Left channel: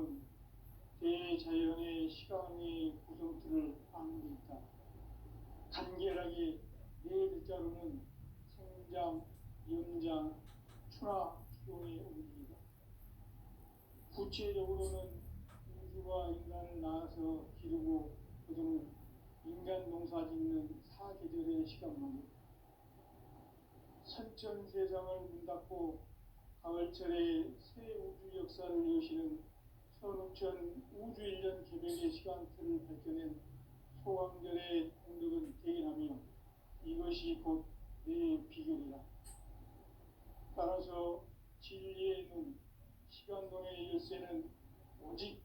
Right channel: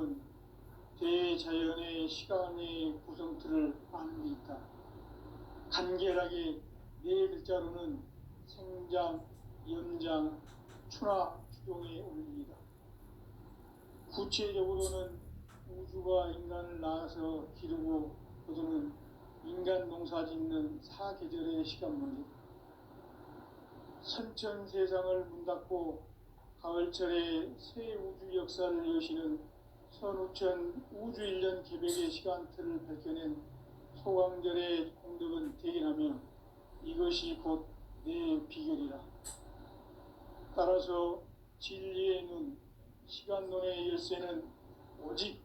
삶은 대자연의 시간의 구성틀을 아는 데 있다. 간결하게 네 글자로는 생장, 연장, 추나 추종에 올립니다. 구체적으로는 우주가 인간을 낳아서 기르고 거두는 인간 농사 짓는 사계절의 시간 문제, 선천 세상을 문닫고 가을철에 새 우주 역사를 여시는 선우천 우주일년 개백의 시간틀을 밝혀낸 소강절의 공덕은 대견하며 이것이 곧 내 비결이라. 따라서 진리의 눈, 시간론의 열쇠는 오직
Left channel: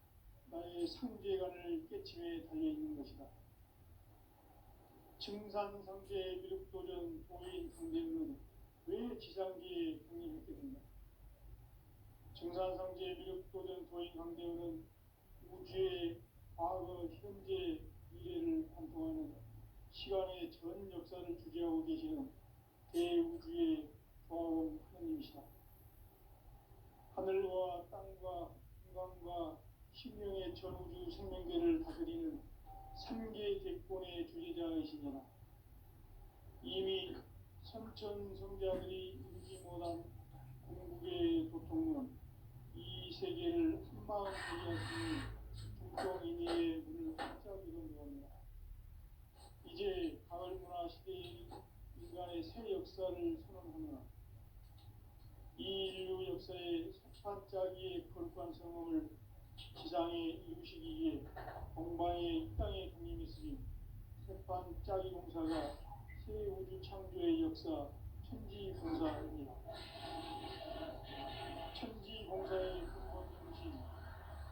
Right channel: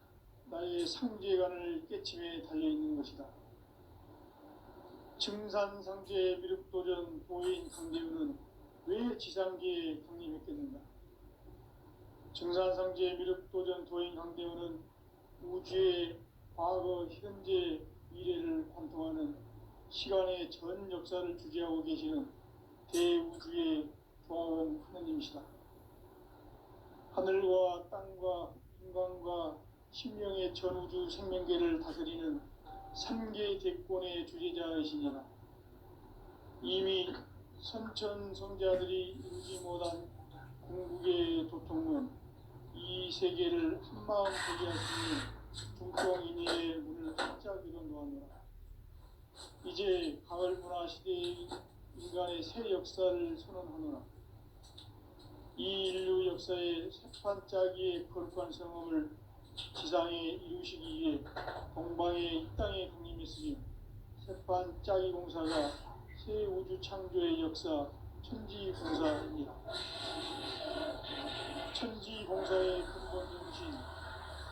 나의 상제관을 깨침에 달려있는 것이다. 증산상제 미륵도전 도인 강대우는 왜 지상기에 강림했겠는가? 증산상제 미륵도전 도인 강대우는 우주의 과거, 현재, 미래를 관통하는 시간의 전 역사를 주재하고 계시는 대우주의 조화원 하느님이시다. 하늘과 땅과 인간과 신명의 전우주 생명계를 다스리는 삼계 대권의 주재자이시니라. 이미 선천성자들이 인지 못한 궁극의 도통론, 이 세계를 한마음 되게 하시니 중통인의의 문을 활짝 열어놓았노라. 이제 가을 문화 시대의 인간의 새 역사를 선언하노라. 이 인류 역사의 새판짜기의 거룩한 성험을 지상에 이루시기 위해 동방의 이 땅에 강림했으니 새판짜기 공사가 새 우주 창조의 역사 천지공사입니다. 천지공사의 근본 정신,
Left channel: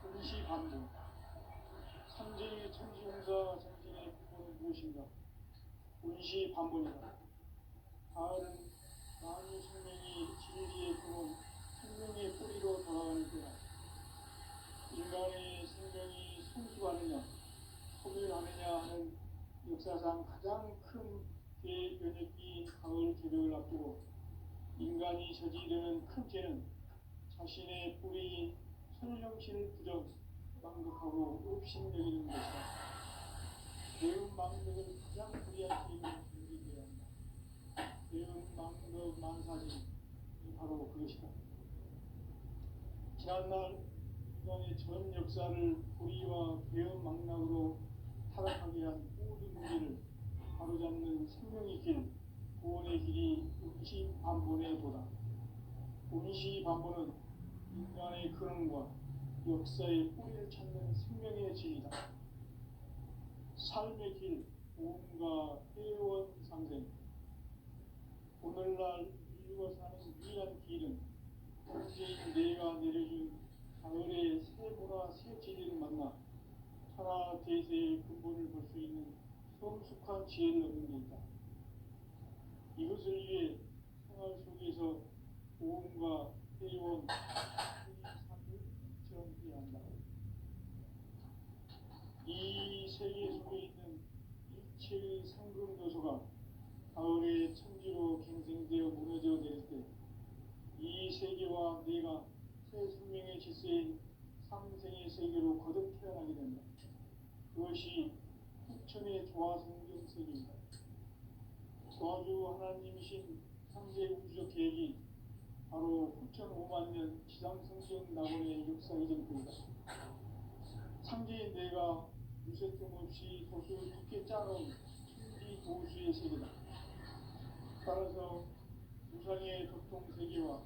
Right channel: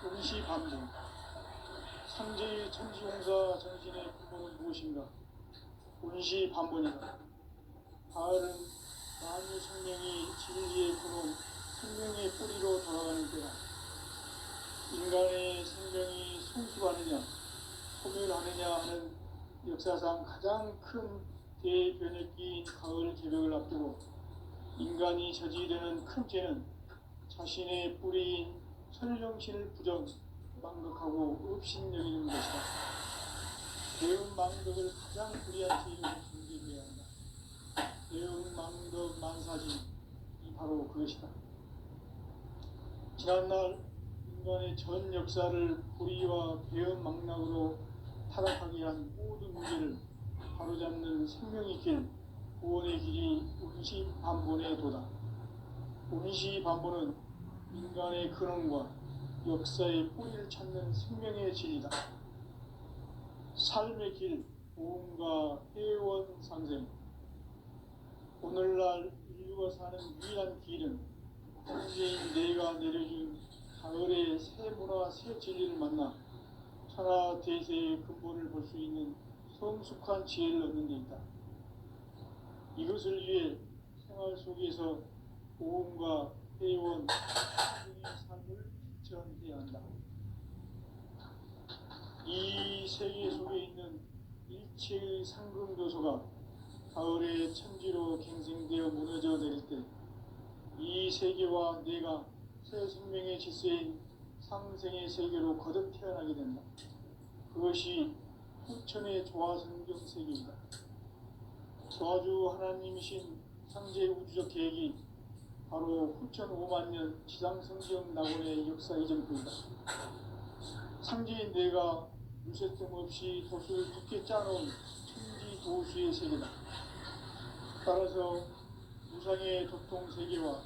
응시반복. 상제의 천지공사 정신의 근본은 무엇인가? 운시반본이다. 가을은 만유 생명이 진리의 근원, 생명의 뿌리로 돌아가는 때다. 인간의 생명이 성숙하느냐, 소멸하느냐 하는 역사상 가장 큰 대변혁기인 가을 개벽을 앞두고 인간이 저지르는 큰 죄는 자신의 뿌리인 설령신을 부정, 망극하고 업신여기는 것이다. 대음망덕을 가장 불의한 죄로 정죄해야 한다. 대음망덕 만사진이 바로 그것이다. 지난날 인간의 전 역사를 불의와 배은망락으로 타락하게 한 모든 문제를 바로잡는 생명의 길, 구원의 길이 운시반본의 도다. 운시반본은 인간의 근원과 역사의 뿌리를 찾는 생명의 진리다. 삶의 길, 보험과 회원 상생. 오늘날 인류가 사는 유일한 길은 현재인 내가 내려준 가을의 새 문화, 새 진리를 만나 천하 대세의 근본을 볼 수 있는 성숙한 지혜를 얻는 데 있다. 이것을 위해 생활 속에서 보험과 회원, 의 삶을 실천해야 한다. 이 세계 속에 있는 일체의 상금도서가 가을의 천지로 갱생되어 무너져 내릴 때 이 세계와 내가 새 생명의 질서인 상생의 세계로 거듭 태어나게 된다. 그것이 후천의 조화성경 세계이다. 조화주 하나님이신 상제 우주적 계획이 바로 후천 5만년 지상성경 낙원의 역사 이정표이다. 상제인 내가 물새뜸 없이 돛을 두께 짜놓은 천지 도수의 세계다. 따라서 무상의 도통세계와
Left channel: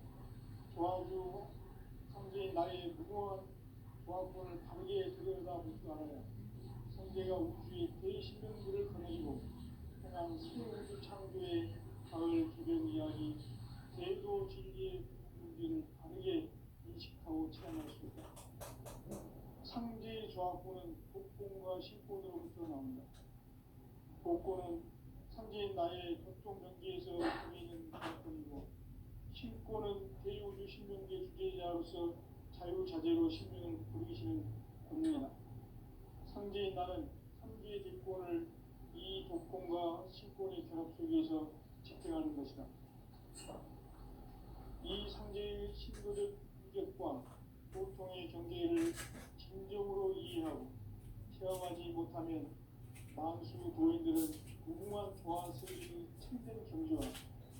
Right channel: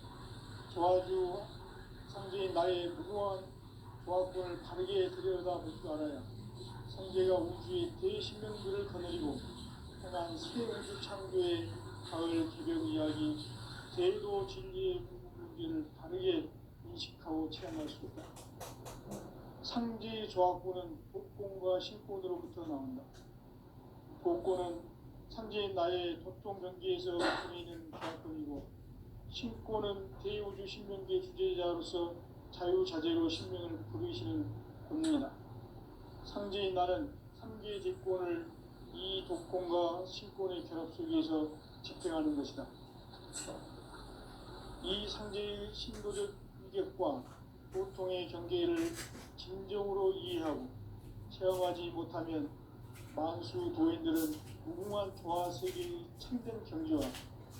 조화주 상제인 나의 무궁한 조화권을 바르게 들여다볼 줄 알아야 상제가 우주의 대신명들을 거느리고 행한 새 우주 창조의 가을 개벽 이야기, 제도 진리의 문제를 바르게 인식하고 체험할 수 있다. 상제의 조화권은 복권과 신권으로부터 나온다. 복권은 상제인 나의 도통 경계에서 보이는 조화권이고, 신권은 대우주 신명계 주제자로서 자유자재로 신명을 부르시는 본능이다. 상제인 나는 상계의 대권을 이 독권과 신권의 결합 속에서 집행하는 것이다. 이 상제의 신도적 위격과 고통의 경계를 진정으로 이해하고 체험하지 못하면 만수 도인들은 무궁한 조화 세계의 참된 경지와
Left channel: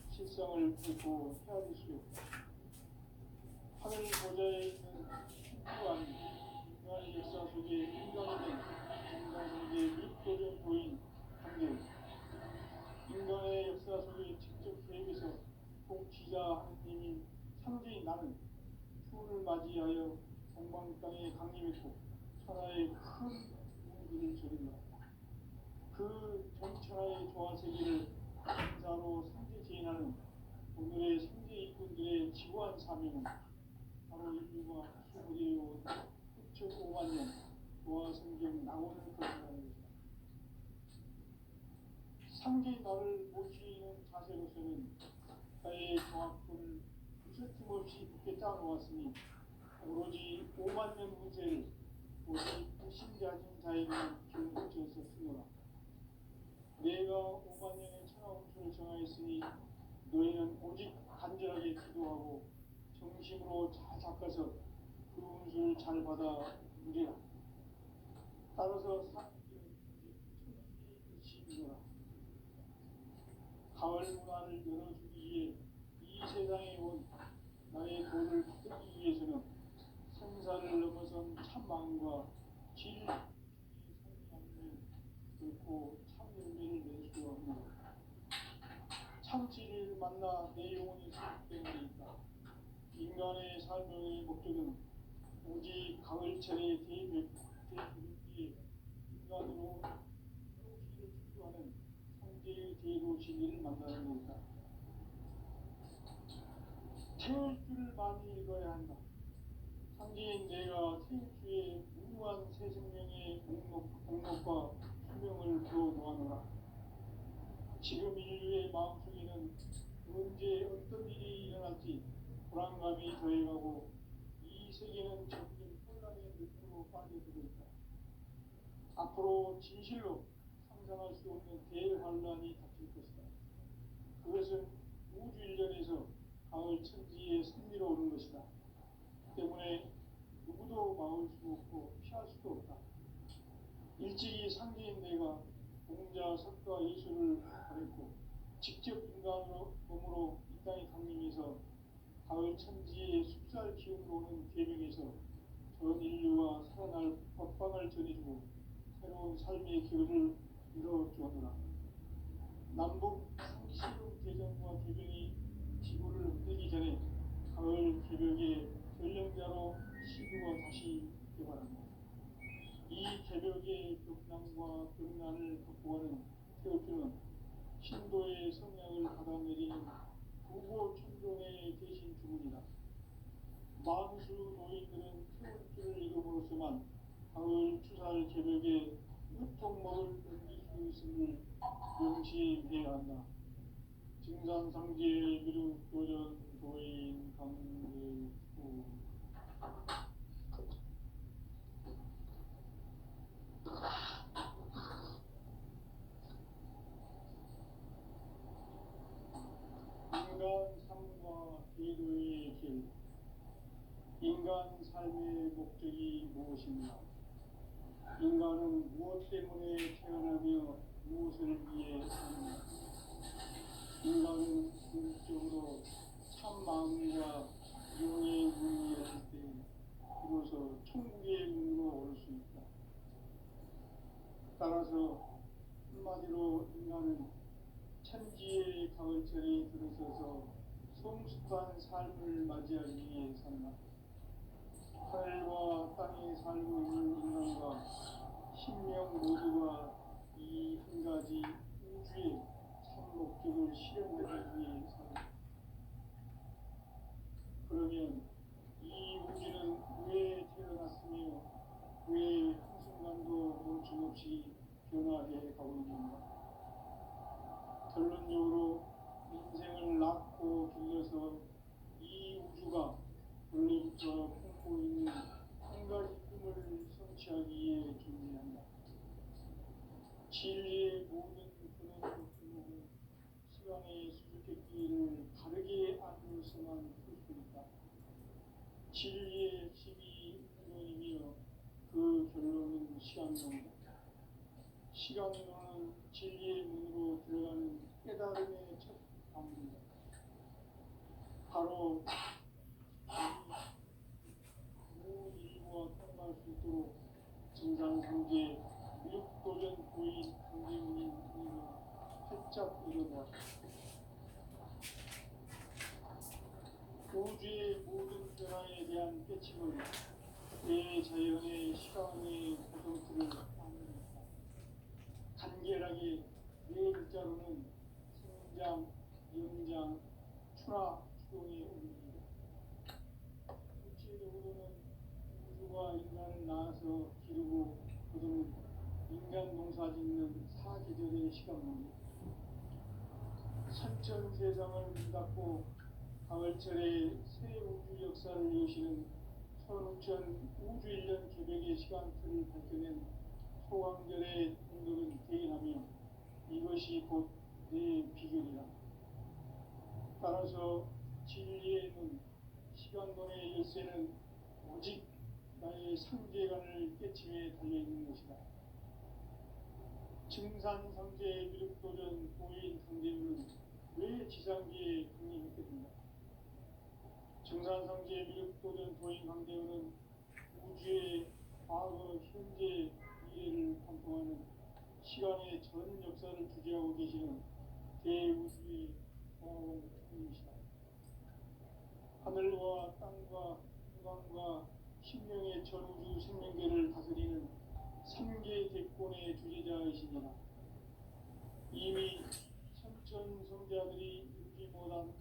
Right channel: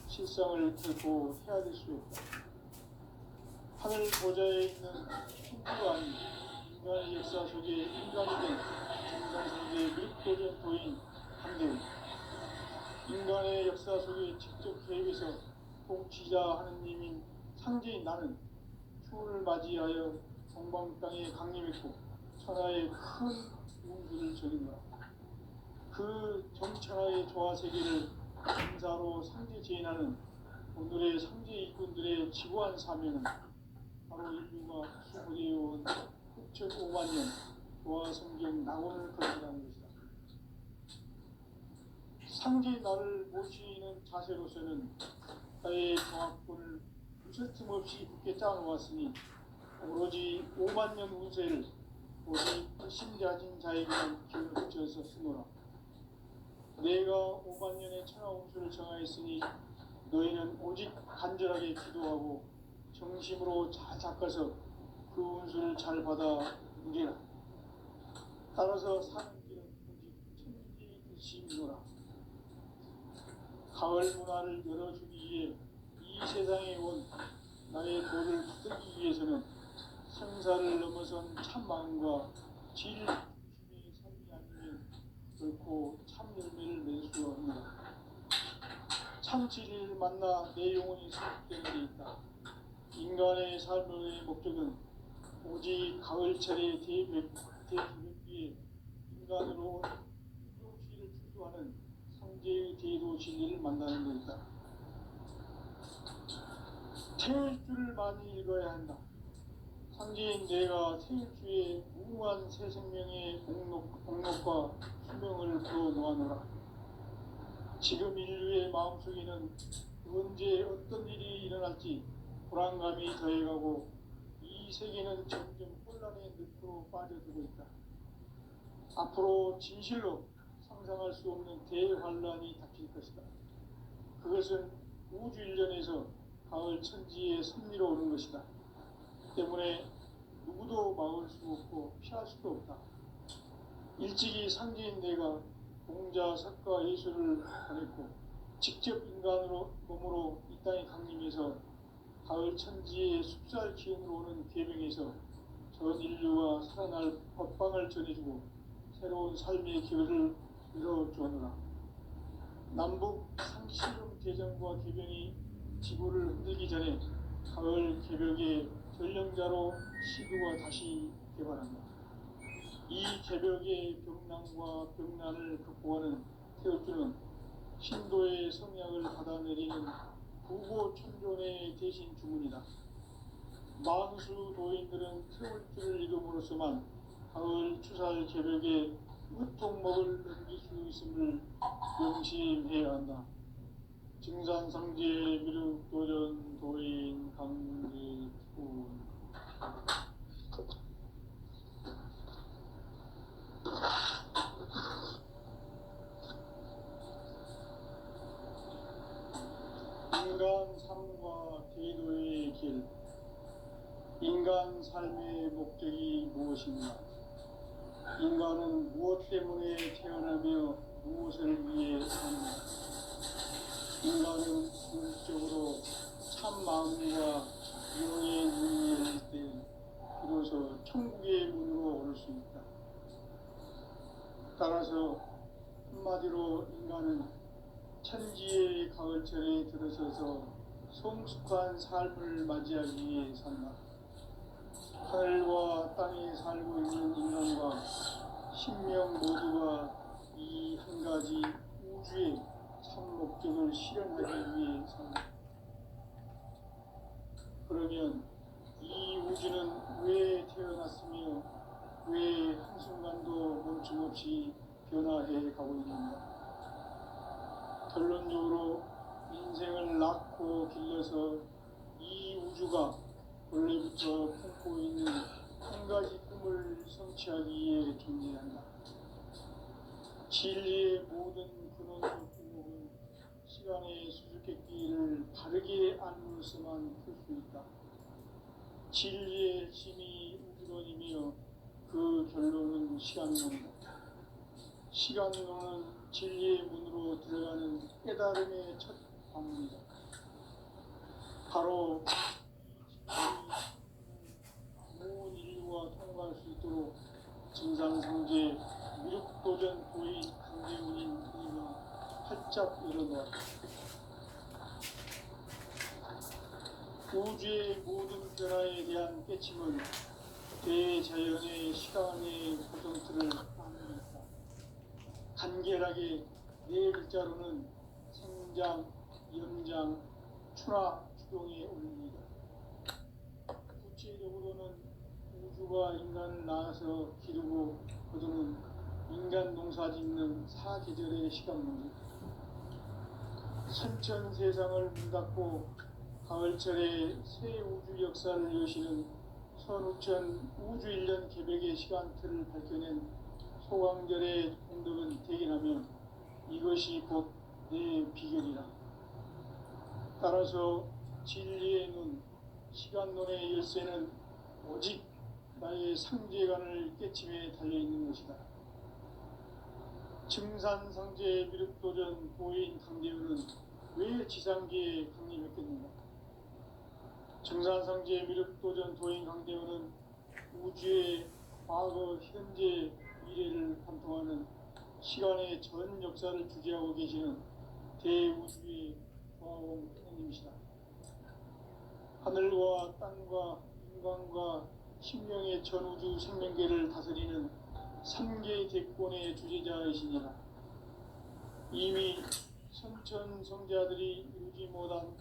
실상을 결코 헤아릴 수 없다. 하늘 보좌에 있는 천주가 아닌 인간의 역사 속에 인간이 된 정상세계의 밀도전 도인 한대우, 인간의 역사 속에 직접 계획해서 통치자 하느님인 상제인 나는 추운을 맞이하여 동방 땅에 강림했고 천하의 큰 우주를 저린다. 그 정천하의 조화 세계를 인사로 상제 제인하는 오늘의 상제 일꾼들의 지구한 사명은 바로 인류가 수고되어온 6,500만 년 조화 성경 낙원을 건설하는 것이다. 상제 나를 모시는 자세로서는 나의 정확분을 무설틈 없이 굳게 짜놓았으니 오로지 5만 년 운세를 오직 신자진 자에게는 기울여서 쓰노라. 내가 5만 년의 천하 운수를 정하였으니 너희는 오직 간절하게 기도하고 정심으로 잘 닦아서 그 운수를 잘 받아 누리라. 따라서 사는 길은 오직 천지의 뜻이니라. 가을 문화를 열어주기 위해 이 세상에 온 나의 도를 붙들기 위해서는 생사를 넘어선 참 마음과 진리 중심의 삶이 아니면 결코 참 열매를 낼 수 없는 참 진리를 만나 내 영혼이 승복되는 데 있다. 인간의 삶의 목적은 오직 가을철의 대기백기에 인간으로 도시를 추구하는 성제의 제도 진리를 만나는 것이다. 태일주를 많이 읽어야 한다. 상제인 내가 태일주의 무궁한 새 생명의 공록과 수명을 불어놓아노라. 지금 인류의 마음속에는 언제 어떤 일이 일어날지 불안감이 더해가고 이 세계는 점점 혼란의 늪으로 빠져들고 있다. 앞으로 진실로 상상할 수 없는 대환란이 닥칠 것이다. 그것은 우주 일련에서 가을 천지에 선미로 오는 것이다. 때문에 누구도 막을 수 없고 피할 수도 없다. 일찍이 상제인 내가 공자, 석가, 예수를 보냈고 직접 인간으로 몸으로 이 땅에 강림해서 가을 천지의 숲살 기운으로 오는 계명에서 전 인류와 살아날 법방을 전해주고 새로운 삶의 기회를 이뤄주었노라. 남북 상시름 대전과 개변이 지구를 흔들기 전에 가을 개벽의 전령자로 시도가 다시 개발한다. 이 개벽의 병난과 병난을 극복하는 태울주는 신도의 성약을 받아내리는 구보천존의 대신 주문이다. 만수 도인들은 태울주를 이름으로서만 가을 추살 개벽에 무통목을 넘길 수 있음을 명심해야 한다. 증산상제 미륵도전 도인 강제군 인간 삶과 제도의 길. 인간 삶의 목적이 무엇인가? 인간은 무엇 때문에 태어나며 무엇을 위해 사는가? 인간은 궁극적으로 참 마음과 영의 문이 열릴 때 비로소 천국의 문으로 오를 수 있다. 따라서 한마디로 인간은 천지의 가을철에 들어서서 성숙한 삶을 맞이하기 위해 산다. 하늘과 땅에 살고 있는 인간과 신명 모두가 이 한 가지 우주의 참 목적을 실현하기 위해 산다. 그러면 이 우주는 왜 태어났으며 왜 한순간도 멈춤없이 변화해 가고 있는가? 결론적으로 인생을 낳고 길러서 이 우주가 원래부터 품고 있는 한 가지 꿈을 성취하기 위해 존재한다. 진리의 모든 근원과 품목은 시간의 수수께끼를 바르게 안으로서만 풀 수 있다. 진리의 힘이 우주론이며 그 결론은 시간론이다. 시간론은 진리의 문으로 들어가는 깨달음의 첫 방문이다. 바로 온 인류가 통과할 수 있도록 증산성제 미륵도전 고인 강제문인 우리가 활짝 일어났다. 우주의 모든 변화에 대한 깨침은 대자연의 시간의 고정틀을 만듭니다. 간결하게 네 글자로는 생장, 연장, 추나 추동에 올립니다. 구체적으로는 우주가 인간을 낳아서 기르고 거두는 인간 농사 짓는 사계절의 시간 문제, 선천 세상을 문 닫고 가을철에 새 우주 역사를 여시는 선우천 우주 1년 개백의 시간틀을 밝혀낸 소광절의 공덕은 대견하면 이것이 곧 내 비결이라. 따라서 진리의 눈, 시간론의 열쇠는 오직 나의 상제관을 깨침에 달려있는 것이다. 증산상제 미륵도전 고인 강대우는 왜 지상계에 강림했겠는가? 증산상제 미륵도전 도인 강대우는 우주의 과거, 현재, 미래를 관통하는 시간의 전 역사를 주재하고 계시는 대우주의 과학원님이시다. 하늘과 땅과 인간과 신명의 전우주 생명계를 다스리는 3개 대권의 주제자이시니라. 이미 선천성자들이 이루지 못한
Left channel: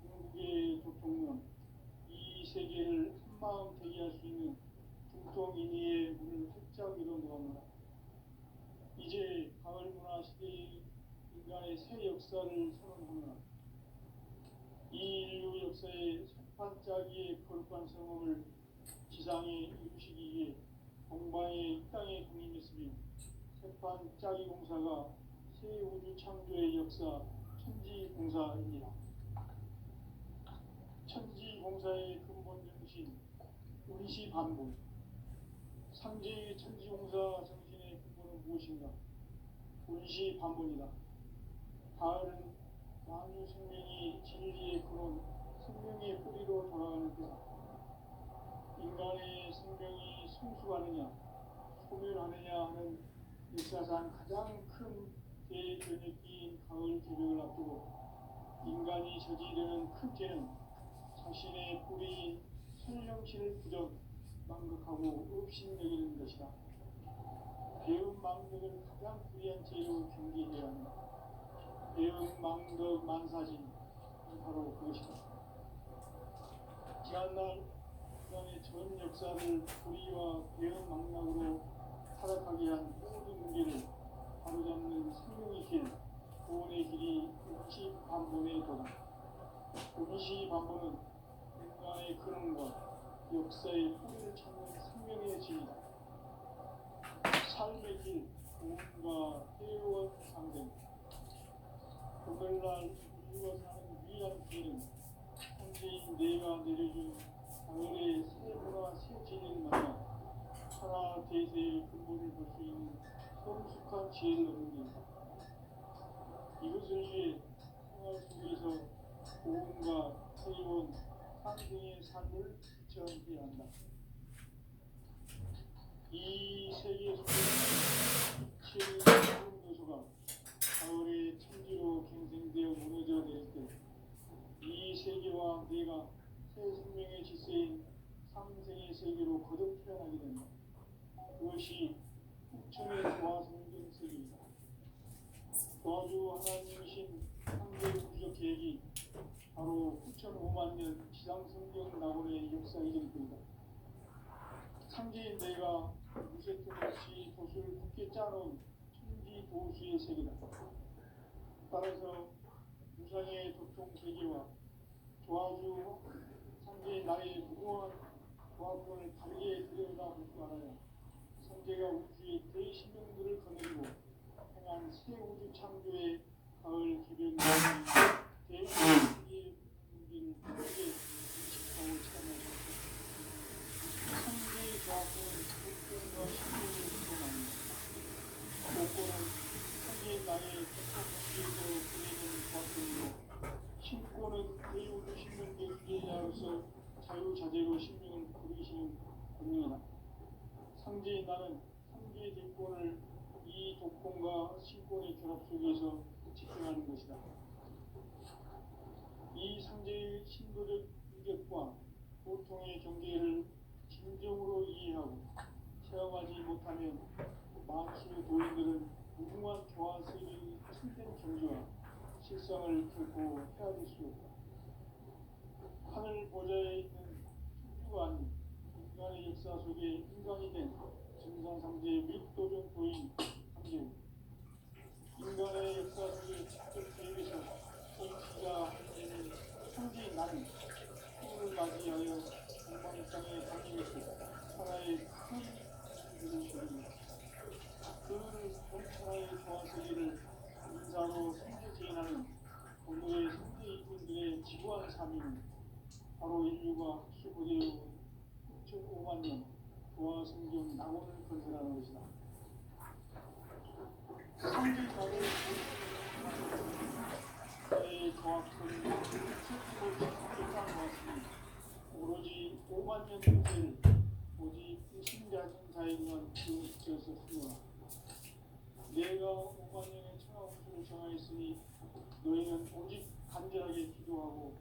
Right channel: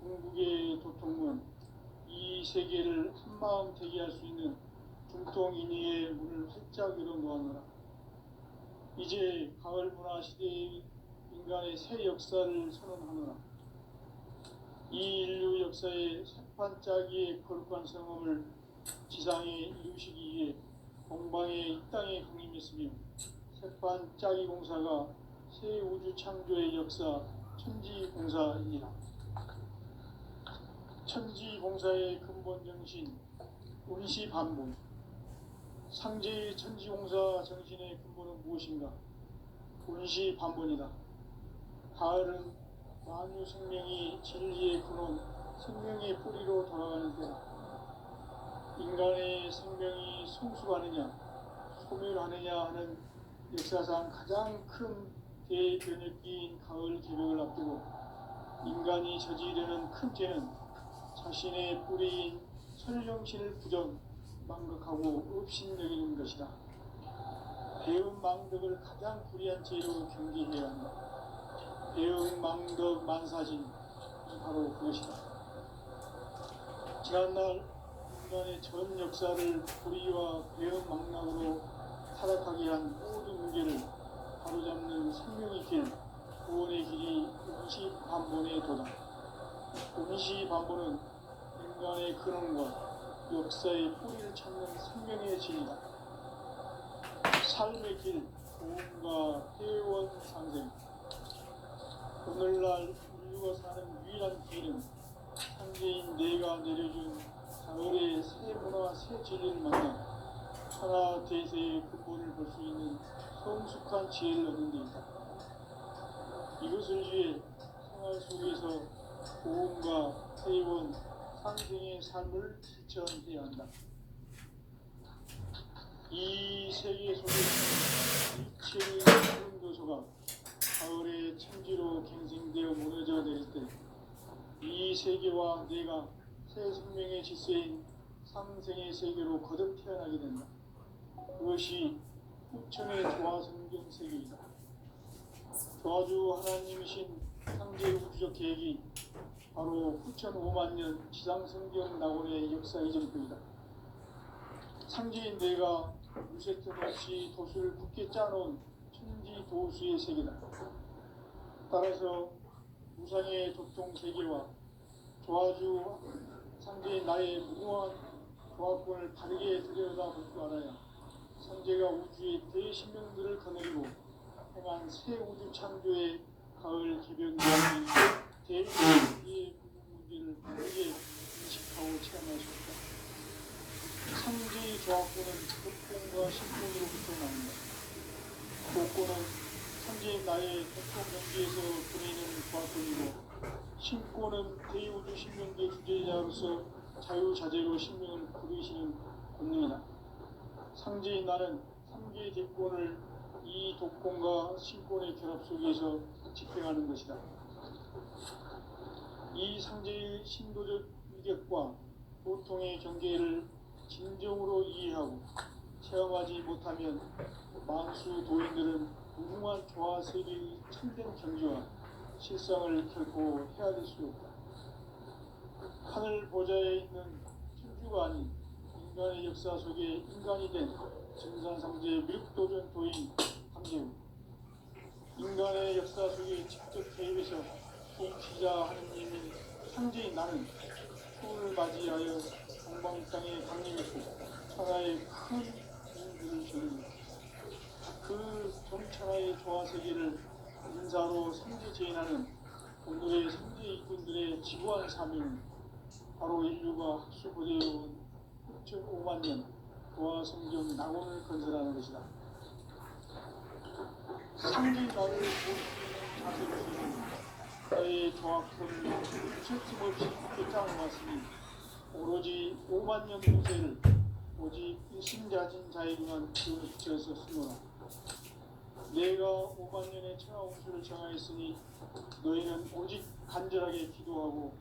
궁극의 도통문, 이 세계를 한마음 대기할 수 있는 중통인의의 문을 활짝 열어놓았노라. 이제 가을 문화 시대의 인간의 새 역사를 선언하노라. 이 인류 역사의 새판짜기의 거룩한 성험을 지상에 이루시기 위해 동방의 이 땅에 강림했으며 새판짜기 공사가 새 우주 창조의 역사 천지공사이니라. 천지공사의 근본 정신 운시반복. 상제의 천지공사 정신의 근본은 무엇인가? 운시반본이다. 가을은 만유 생명이 진리의 근원, 생명의 뿌리로 돌아가는 때다. 인간의 생명이 성숙하느냐, 소멸하느냐 하는 역사상 가장 큰 대변혁기인 가을 개벽을 앞두고 인간이 저지르는 큰 죄는 자신의 뿌리인 설령신을 부정, 망극하고 업신여기는 것이다. 배은망덕을 가장 불의한 죄로 경계해야 한다. 배은망덕 만사진이 바로 그것이다. 지난날 인간의 전 역사를 불의와 배은망락으로 타락하게 한 모든 문제를 바로잡는 생명의 길, 구원의 길이 운시반본의 도다. 운시반본은 인간의 근원과 역사의 뿌리를 찾는 생명의 진이다. 삶의 길, 구원과 회원 상생. 오늘날 인류가 사는 유일한 길은 상제인 내가 내려준 가을의 새 문화, 새 진리를 만나 천하 대세의 근본을 볼 수 있는 성숙한 지혜를 얻는 데 있다. 이것을 위해 생활 속에서 고음과 회원, 상생의 삶을 실천해야 한다. 이 세계 속에 이체의 푸른 교소가 가을의 천지로 갱생되어 무너져 내릴 때 이 세계와 내가 새 생명의 질서인 상생의 세계로 거듭 태어나게 된다. 그것이 후천의 조화성경 세계이다. 조화주 하나님이신 상제 우주적 계획이 바로 후천 5만 년 지상성경 낙원의 역사 이전부이다. 상제인 내가 무쇠틀 없이 돛을 굳게 짜놓은 천지 도수의 세계다. 따라서 무상의 도통 세계와 조화주 상제인 나의 무궁한 조화권을 바르게 들여다볼 줄 알아야 상제가 우주의 대신명들을 거느리고 행한 새 우주 창조의 가을 개변과의 대인의 문제를 바르게 인식하고 체험할 수 있다. 나의 독립경제에서 보내는 조합권이고 신권은 대우주 신명계 주제자로서 자유자재로 신명을 부르시는 권능이다. 상제인 나는 3개 대권을 이 독권과 신권의 결합 속에서 집행하는 것이다. 이 상제의 신도적 위격과 보통의 경계를 진정으로 이해하고 체험하지 못하면 만수 도인들은 무궁한 조화 세계의 참된 경지와 실상을 결코 헤아릴 수 없다. 하늘 보좌에 있는 천주가 아닌 인간의 역사 속에 인간이 된 증산상제 미륵도전 도인 강재우, 인간의 역사 속에 직접 개입해서 개입시자 하느님의 상제인 나는 추후를 맞이하여 동방 땅에 강림했고 천하의 큰 인들을 지니 그 정천하의 조화세계를 인사로 생제제인하는 오늘의 생제 이꾼들의 지구한 사명은 바로 인류가 학수고대해온 6,500만 년 도화 성경 낙원을 건설하는 것이다. 상제 낙을 나의 조합은 틈없이 끝장을 왔으니 오로지 5만 년 후세를 오직 일심자진 자에게만 지어서 쓰노라. 내가 5만 년의 천하 홍수를 정하였으니 너희는 오직 간절하게 기도하고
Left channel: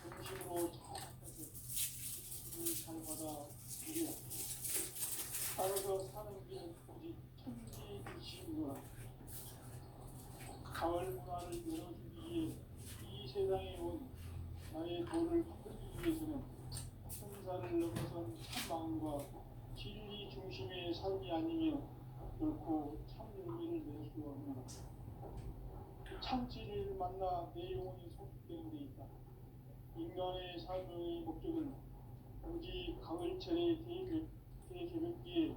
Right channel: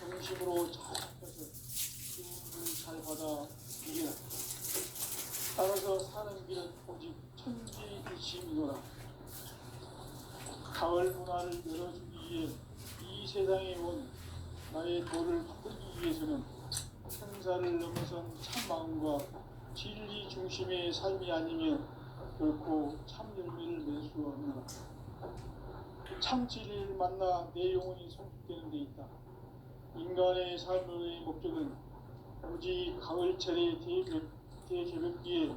정심으로 자학해서 주님을 잘 받아 이기라. 따라서 사는 길은 오직 천지이심이노라. 가을 문화를 열어주기 위해 이 세상에 온 나의 도를 만들기 위해서는 천사를 넘어선 참마음과 진리 중심의 삶이 아니면 결코 참 열매를 낼 수 없노라. 참 진리를 만나 내 영혼이 성숙되는 데 있다. 인간의 삶의 목적은 오직 가을철의 대제벽기에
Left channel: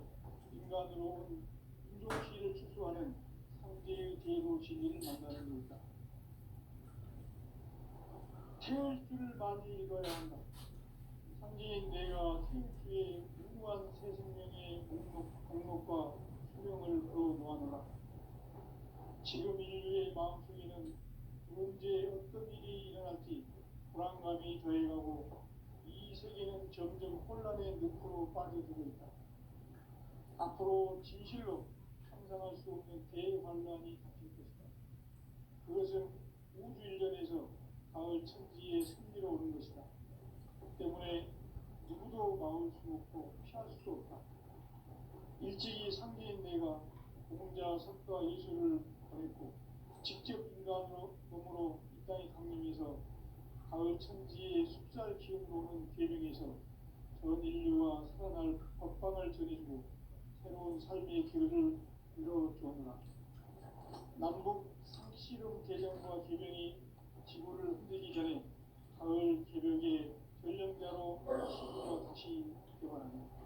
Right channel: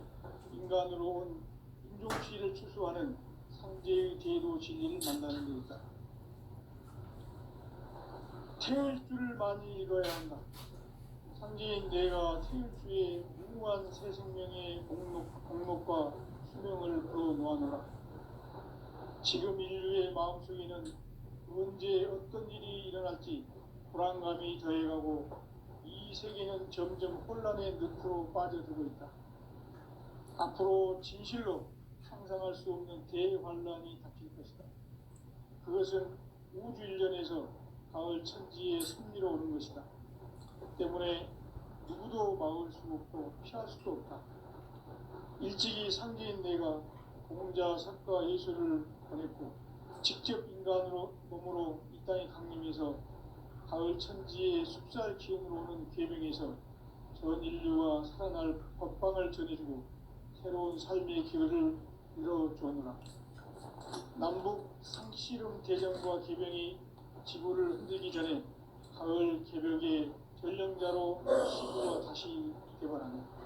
인간으로 온 인종시를 추수하는 상제의 대도 진리를 만나는 데 있다. 태울 줄을 많이 읽어야 한다. 상제인 내가 태울 주에 무궁한 새 생명의 공목과 수명을 불어놓아노라. 지금 인류의 마음속에는 언제 어떤 일이 일어날지 불안감이 더해가고 이 세계는 점점 혼란의 늪으로 빠져들고 있다. 앞으로 진실로 상상할 수 없는 대환란이 닥칠 것이다. 그것은 우주 일련에서 가을 천지의 섭리로 오는 것이다. 그 때문에 누구도 막을 수 없고 피할 수도 없다. 일찍이 상제인 내가 공자, 석가, 예수를 보냈고 직접 인간으로 몸으로 이 땅에 강림해서 가을 천지의 숲살 기운으로 오는 계명에서 전 인류와 살아날 법방을 전해주고 새로운 삶의 길을 열어주오노라. 남북 상씨름 대전과 개병이 지구를 흔들기 전에 가을 개벽의 전령자로 시구가 다시 개발하는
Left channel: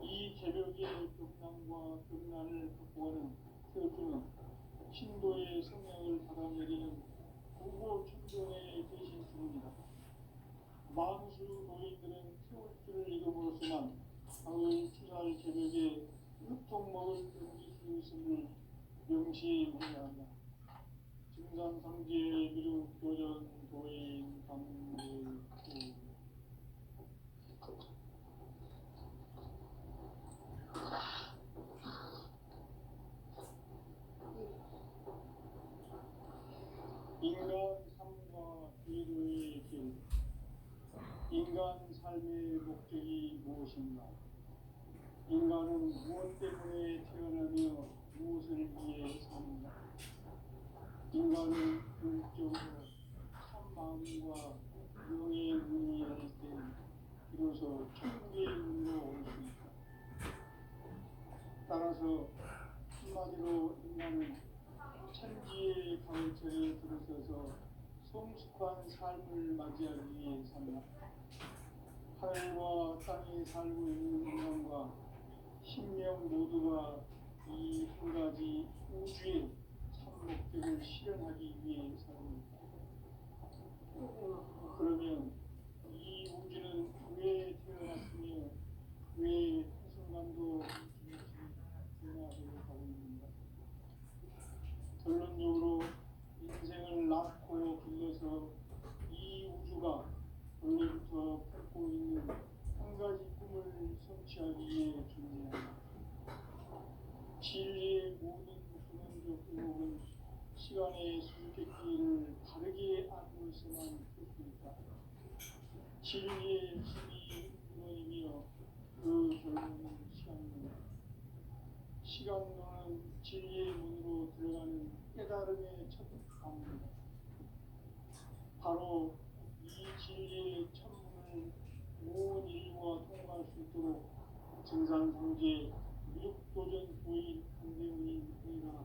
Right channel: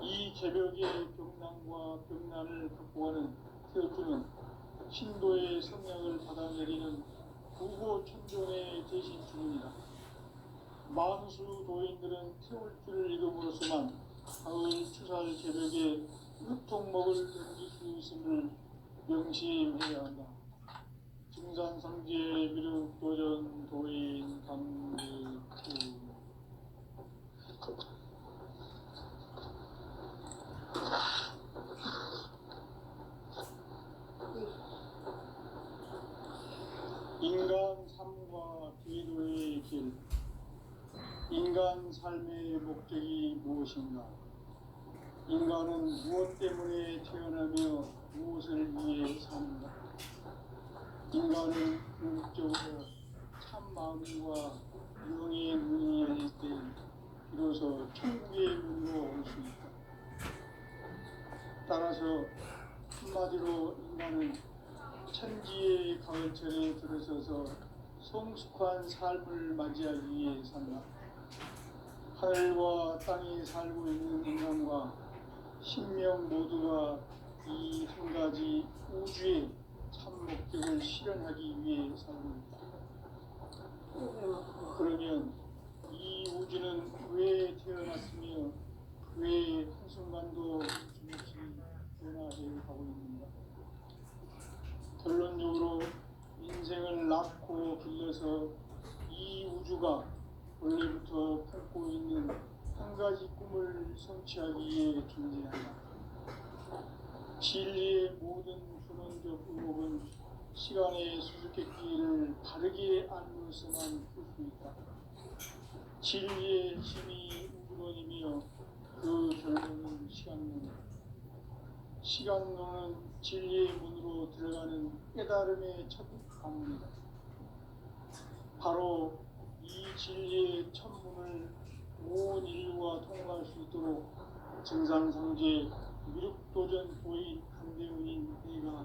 이 개벽의 병난과 병난을 극복하는 태어주는 신도의 성향을 받아내리는 구고 천종의 대신 주문이다. 만수 도인들은 태울 줄을 읽음으로써만 가을 추살 개벽에 유통목을 던질 수 있음을 명심해야 한다. 증산상제 미륵도전 도인 강제우. 인간 삶과 기도의 길. 인간 삶의 목적이 무엇인가? 인간은 무엇 때문에 태어나며 무엇을 위해 사는가? 인간은 궁극적으로 참 마음과 영의 문이 열릴 때 비로소 천국의 문으로 올 수 있다. 따라서 한마디로 인간은 천지의 가을철에 들어서서 성숙한 삶을 맞이하기 위해 산다. 하늘과 땅에 살고 있는 인간과 신명 모두가 이 한 가지 우주의 참 목적을 실현하기 위해 살고 있다. 그러면 이 우주는 왜 태어났으며 왜 한순간도 잠시 변화해 가고 있는가? 결론 성취하기에 존재한다. 진리의 모든 근원적 의목은 시간의 수수께끼를 바르게 알므로서만 볼 수 있다. 진리의 힘이 우론이며 그 결론은 시간론이다. 시간론은 진리의 문으로 들어가는 깨달음의 첫 관문이다. 바로 이 진리의 첫 문을 온 인류가 통과할 수 있도록 증산성제 미륵도전 보인 강대문인 내가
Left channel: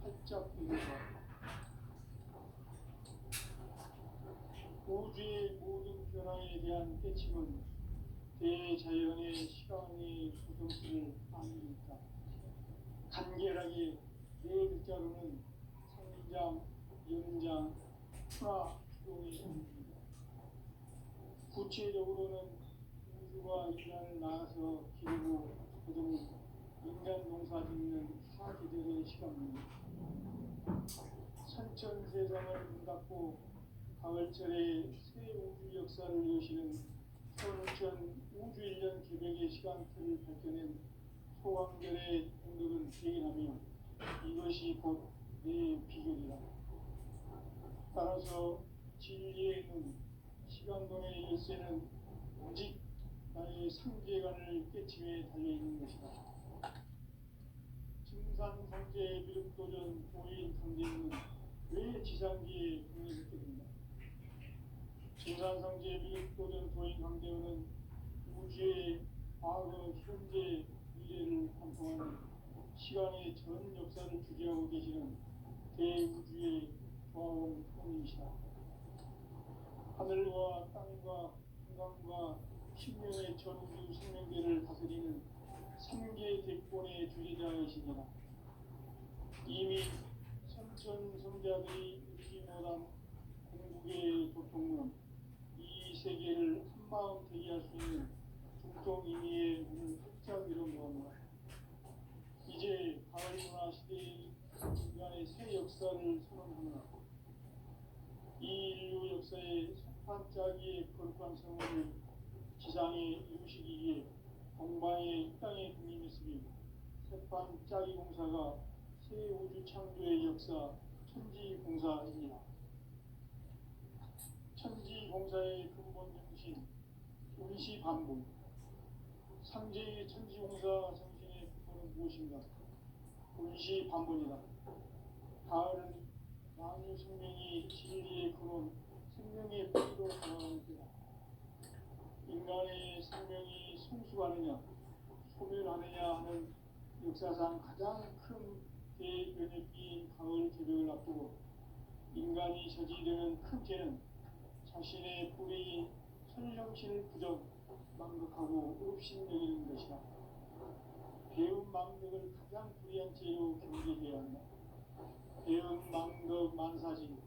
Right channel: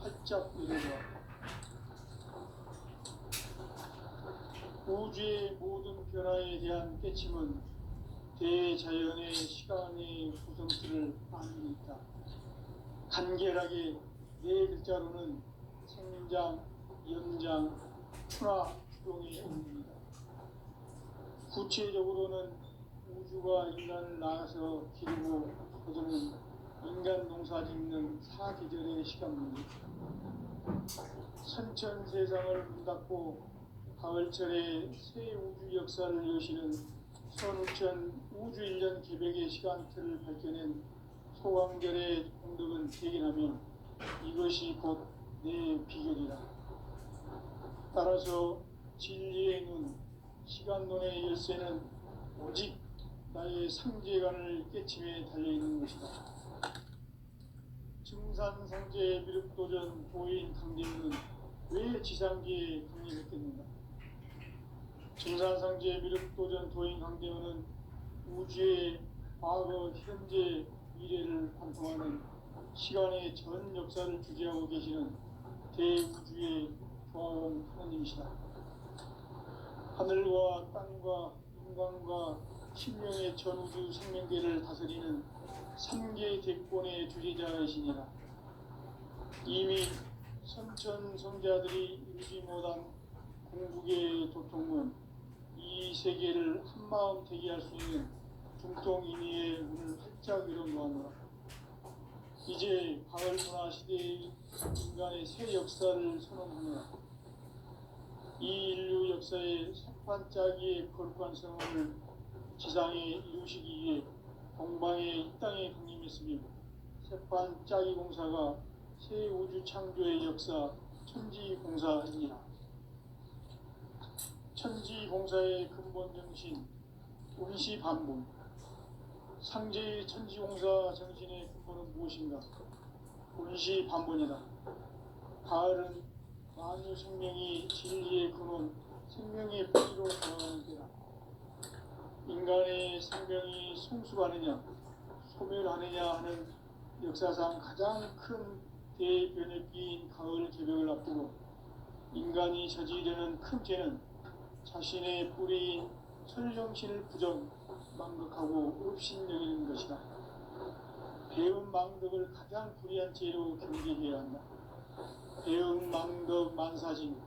활짝 열어보았다. 우주의 모든 변화에 대한 깨침은 대자연의 시간의 구성틀을 아는 있다. 간결하게 네 글자로는 생장, 연장, 출화, 추동의 의미입니다. 구체적으로는 우주가 인간을 낳아서 기르고 거두는 인간 농사 짓는 사계절의 시간입니다. 선천 세상을 문 닫고 가을철에 새 우주 역사를 여시는 선우천 우주 1년 기백의 시간틀을 밝혀낸 소강절의 공덕은 대견하며 이것이 곧 내 비결이다. 따라서 진리의 눈, 시간론의 열쇠는 오직 나의 상제관을 깨침에 달려있는 것이다. 증산성제 미륵도전 보인 강대문은 왜 지상기에 독립했겠는가? 증산성제 미륵도전 도인 강대문은 우주의 과거, 현재, 미래를 관통하는 시간의 전 역사를 주재하고 계시는 대우주의 조화원 하나님이시다. 하늘과 땅과 인간과 신명의 전우주 생명계를 다스리는 3개 대권의 주제자이시니라. 이미 선천성자들이 이루지 못한 궁극의 도통은 이 세계를 한마음 되게 할 수 있는 중통인의의 문을 활짝 열어놓았노라. 이제 가을 문화 시대의 인간의 새 역사를 선언하노라. 이 인류 역사의 석반짜기의 거룩한 성을 지상에 이루시기 위해 동방에 이 땅에 강림했으며 석반짜기 공사가 새 우주 창조의 역사 천지공사입니다. 천지공사의 근본 정신 운시반본. 상제의 천지공사 정신의 근본은 무엇인가? 운시반본이다. 가을은 만유 생명이 진리의 근원, 생명의 뿌리로 돌아가는 때다. 인간의 생명이 성숙하느냐, 소멸하느냐 하는 역사상 가장 큰 대변혁기인 가을 개벽을 앞두고 인간이 저지르는 큰 죄는 자신의 뿌리인 설령신을 부정, 망극하고 업신여기는 것이다. 배운 망덕을 가장 불의한 죄로 경계해야 한다. 배운 망덕 만사진,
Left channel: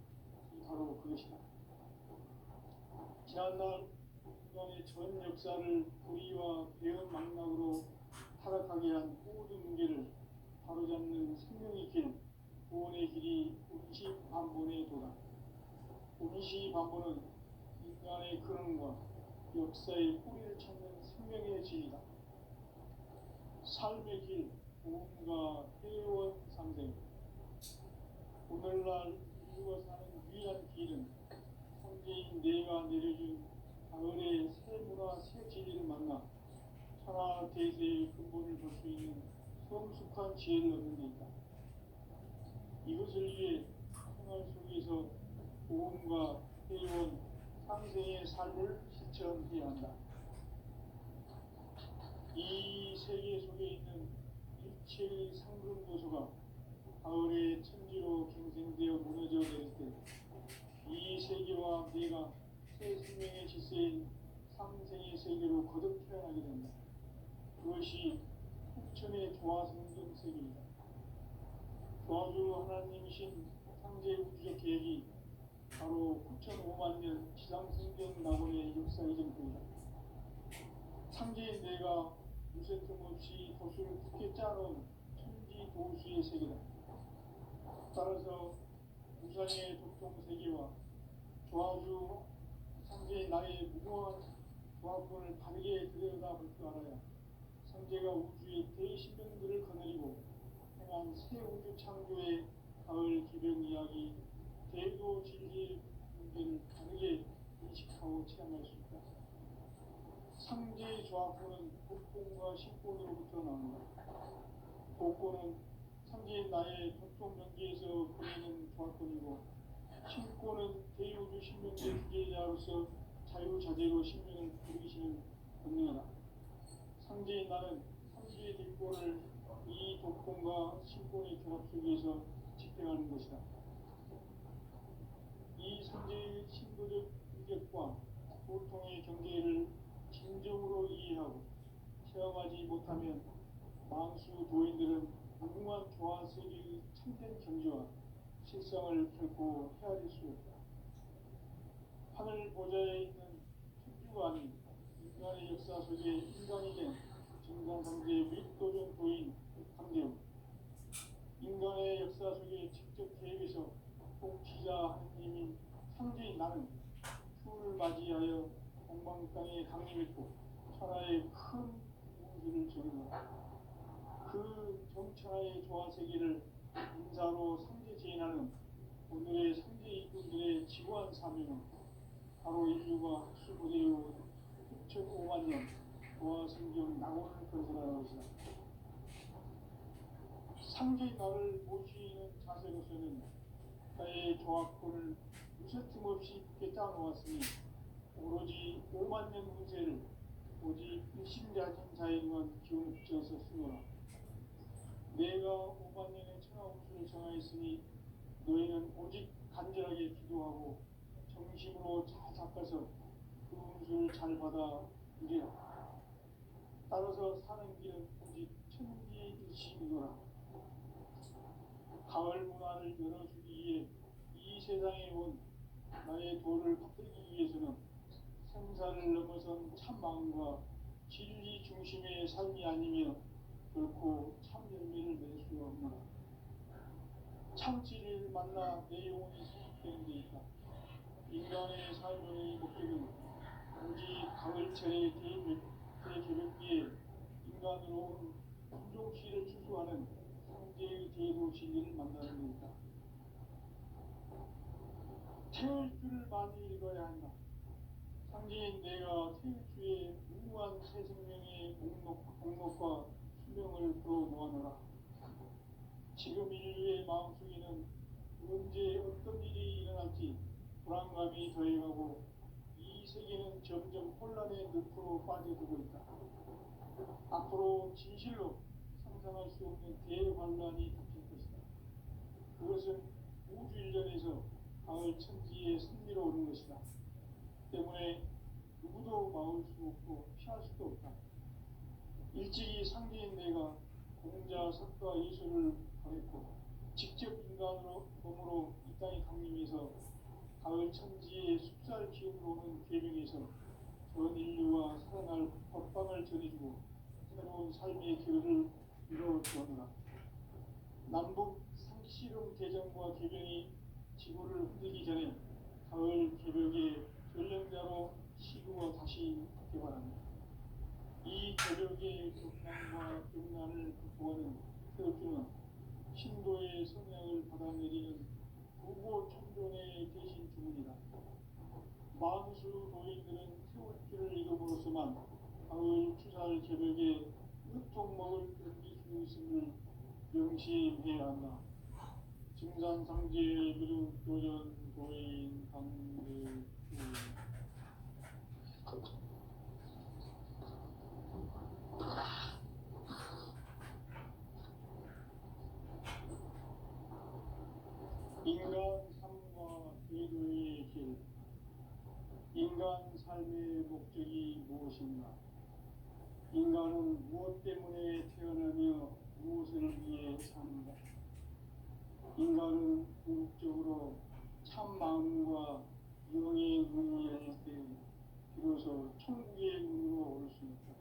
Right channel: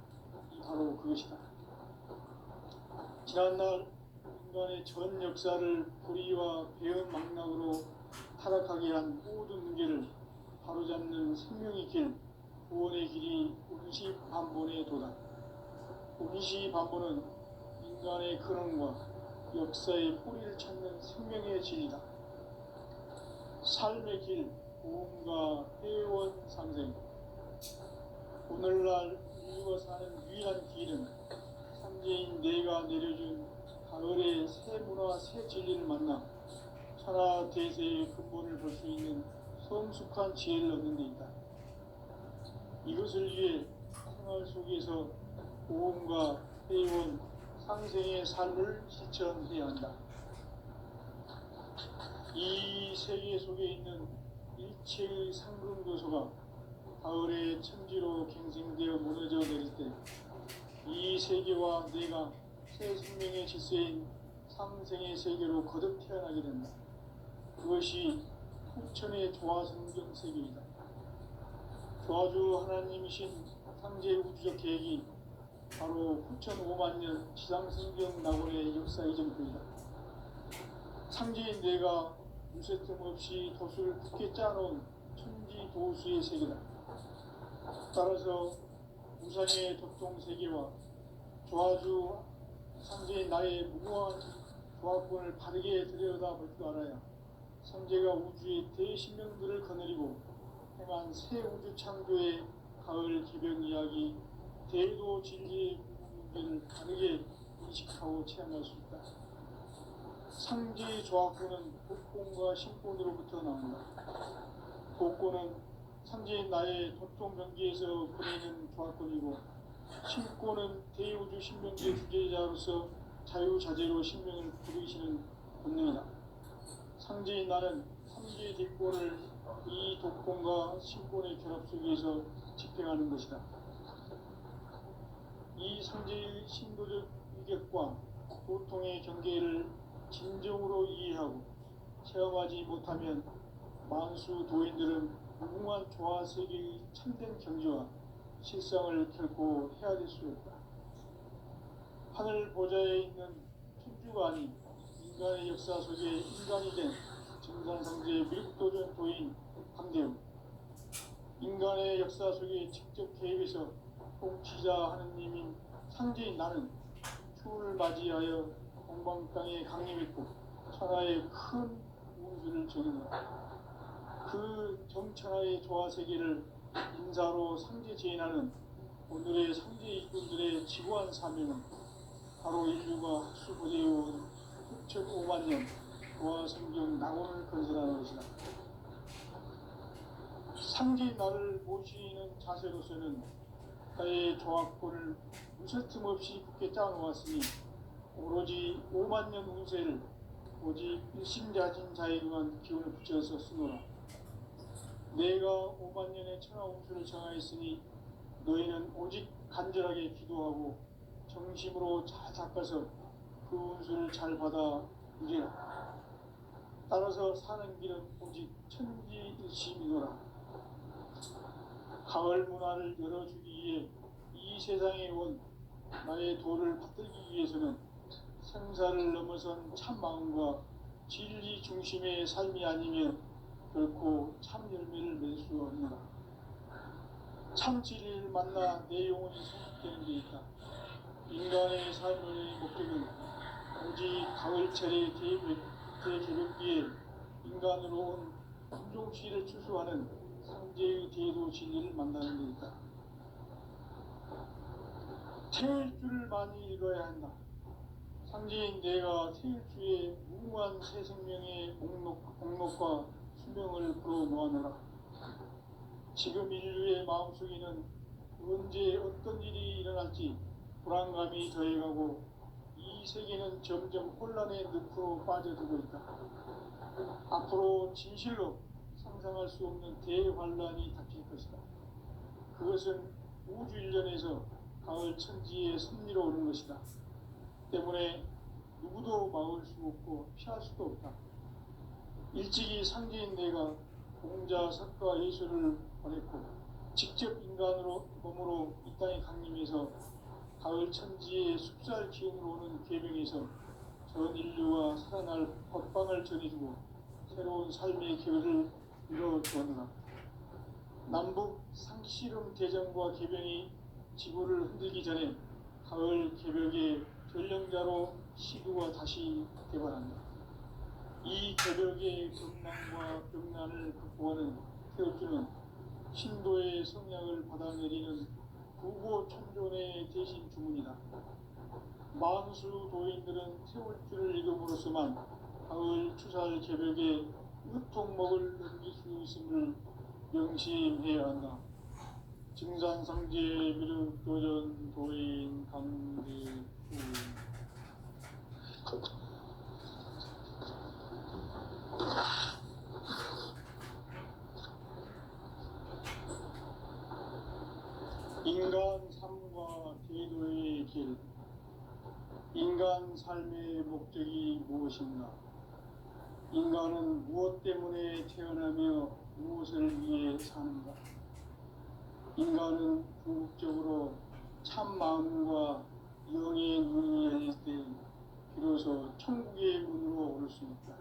이 바로 그것이다. 지난날 인간의 전 역사를 불의와 배운 망락으로 타락하게 한 모든 문제를 바로잡는 생명의 길, 구원의 길이 운시반본의 도다. 운시반본은 인간의 근원과 역사의 뿌리를 찾는 생명의 진리다. 삶의 길, 고음과 회원 상생. 오늘날 인류가 사는 유일한 길은 상제인 내가 내려준 가을의 새 문화, 새 진리를 만나 천하 대세의 근본을 볼 수 있는 성숙한 지혜를 얻는 데 있다. 이것을 위해 생활 속에서 고음과 회원, 상생의 삶을 실천해야 한다. 이 세계 속에 있는 일체의 상금도서가 가을의 천지로 갱생되어 무너져 내릴 때 이 세계와 내가 새 생명의 질서인 상생의 세계로 거듭 태어나게 된다. 그것이 풍천의 조화성경 세계이다. 조화주 하나님이신 상제 우주적 계획이 바로 9,500만 년 지상성경 낙원의 역사 이전부이다. 상제인 내가 무쇠뜸 없이 돛을 굳게 짜놓은 천지도수의 세계다. 따라서 우상의 도통 세계와 조화주 상제인 나의 무모한 조합권을 바르게 들여다볼 줄 알아야 성제가 우주의 대신명들을 거느리고 행한 새 우주 창조의 가을 기병 이야기, 대도 진리의 문제를 다르게 인식하고 체험할 수 있다. 상제의 조합구는 복권과 신권으로부터 나온다. 복권은 상제의 나의 도통 경기에서 보내는 조합권이고, 신권은 대우주 신명제 주제자로서 자유자재로 신명을 부르시는 본능이다. 상제의 나는 상제의 뒷권을 이 독권과 신권의 결합 속에서 집행하는 것이다. 이 상제의 신도적 위격과 고통의 경계를 진정으로 이해하고 체험하지 못하면 만수 도인들은 무궁한 조화 세계의 참된 경지와 실상을 결코 헤아릴 수 없다. 하늘 보좌에 있는 천주가 아닌 인간의 역사 속에 인간이 된 증산상제의 미륵도전 도인 황대웅, 인간의 역사 속에 직접 개입해서 통치자 하느님인 상제인 나는 추를 맞이하여 동방 땅에 강림했고 천하의 큰 운수를 정했노라. 그 정천하의 조화 세계를 인사로 상제 제인하는 오늘의 상제 이꾼들의 지구한 사명은 바로 인류가 학수고대해온 6,500만 년 조화 성경 낙원을 건설하는 것이다. 상제 나를 모시는 자세로서는 나의 조합권을 무설틈 없이 굳게 짜놓았으니 오로지 5만 년 운세를 오직 일심자진 자에게만 기운을 붙여서 쓰노라. 내가 5만 년의 천하 운수를 정하였으니 너희는 오직 간절하게 기도하고 정심으로 잘 닦아서 그 운수를 잘 받아 누리라. 따라서 사는 길은 오직 천지일심이노라. 가을 문화를 열어주기 위해 이 세상에 온 나의 도를 받들기 위해서는 생사를 넘어선 참 마음과 진리 중심의 삶이 아니면 결코 참 열매를 맺을 수 없노라. 참 진리를 만나 내 영혼이 성숙되는 데 있다. 인간의 삶의 목적은 오직 가을철의 대개벽기에 인간으로 온 품종시를 추수하는 상제의 대도 진리를 만나는 데 있다. 태일주를 많이 읽어야 한다. 상제인 내가 태일주의 무궁한 새 생명의 목록과 수명을 풀어놓아노라. 지금 인류의 마음속에는 언제 어떤 일이 일어날지 불안감이 더해가고 이 세계는 점점 혼란의 늪으로 빠져들고 있다. 앞으로 진실로 상상할 수 없는 대환란이 닥칠 것이다. 그것은 우주 일련에서 가을 천지의 섭리로 오는 것이다. 때문에 누구도 막을 수 없고 피할 수도 없다. 일찍이 상제인 내가 공자, 석가, 예수를 보냈고 직접 인간으로 몸으로 이 땅에 강림해서 가을 천지의 숲살 기운으로 오는 계명에서 전 인류와 살아날 법방을 전해주고 새로운 삶의 기회를 이뤄주었노라. 남북 상씨름 대전과 계병이 지구를 흔들기 전에 가을 개벽의 전령자로 시구가 다시 개발한다. 이 개벽의 극망과 극난을 극복하는 태엽주는 신도의 성향을 받아내리는 부고 천존의 대신 주문이다. 만수 도인들은 태울주를 읽음으로써만 가을 추살 개벽의 으통목을 넘길 수 있음을 명심해야 한다. 증산상제 미륵도전 도인 강대구 인간 삶과 대도의 길. 인간 삶의 목적이 무엇인가? 인간은 무엇 때문에 태어나며 무엇을 위해 사는가? 인간은 궁극적으로 참 마음과 영의 눈이 열릴 때 비로소 천국의 문으로 오를 수 있다.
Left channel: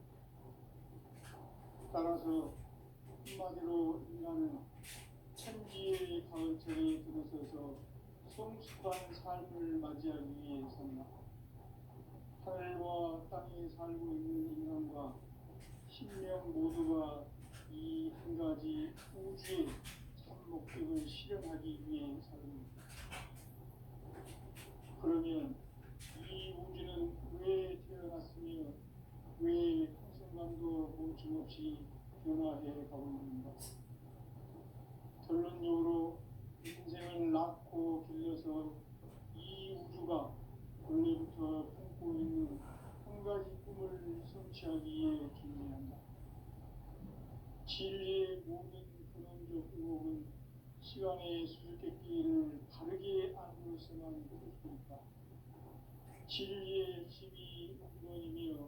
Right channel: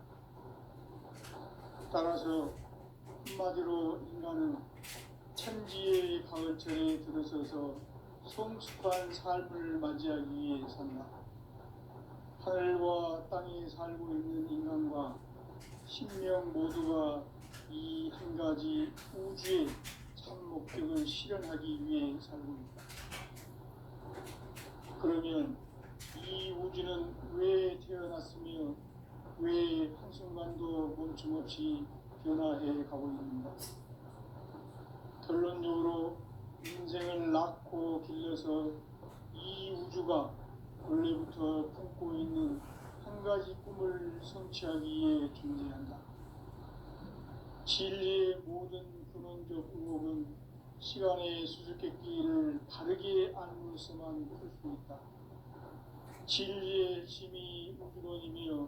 따라서 한마디로 인간은 천지의 가을철에 들어서서 성숙한 삶을 맞이하기 위해 산다. 하늘과 땅에 살고 있는 인간과 신명 모두가 이 한 가지 우주의 참 목적을 실현하기 위해 살고 있다. 그러면 이 우주는 왜 태어났으며 왜 한순간도 멈춤없이 변화해 가고 있는가? 결론적으로 인생을 낳고 길러서 이 우주가 원래부터 품고 있는 한 가지 꿈을 성취하기 위해 존재한다. 진리의 모든 근원적 의혹은 시간의 수수께끼를 바르게 안으로서만 풀 수 있다. 진리의 힘이 우주론이며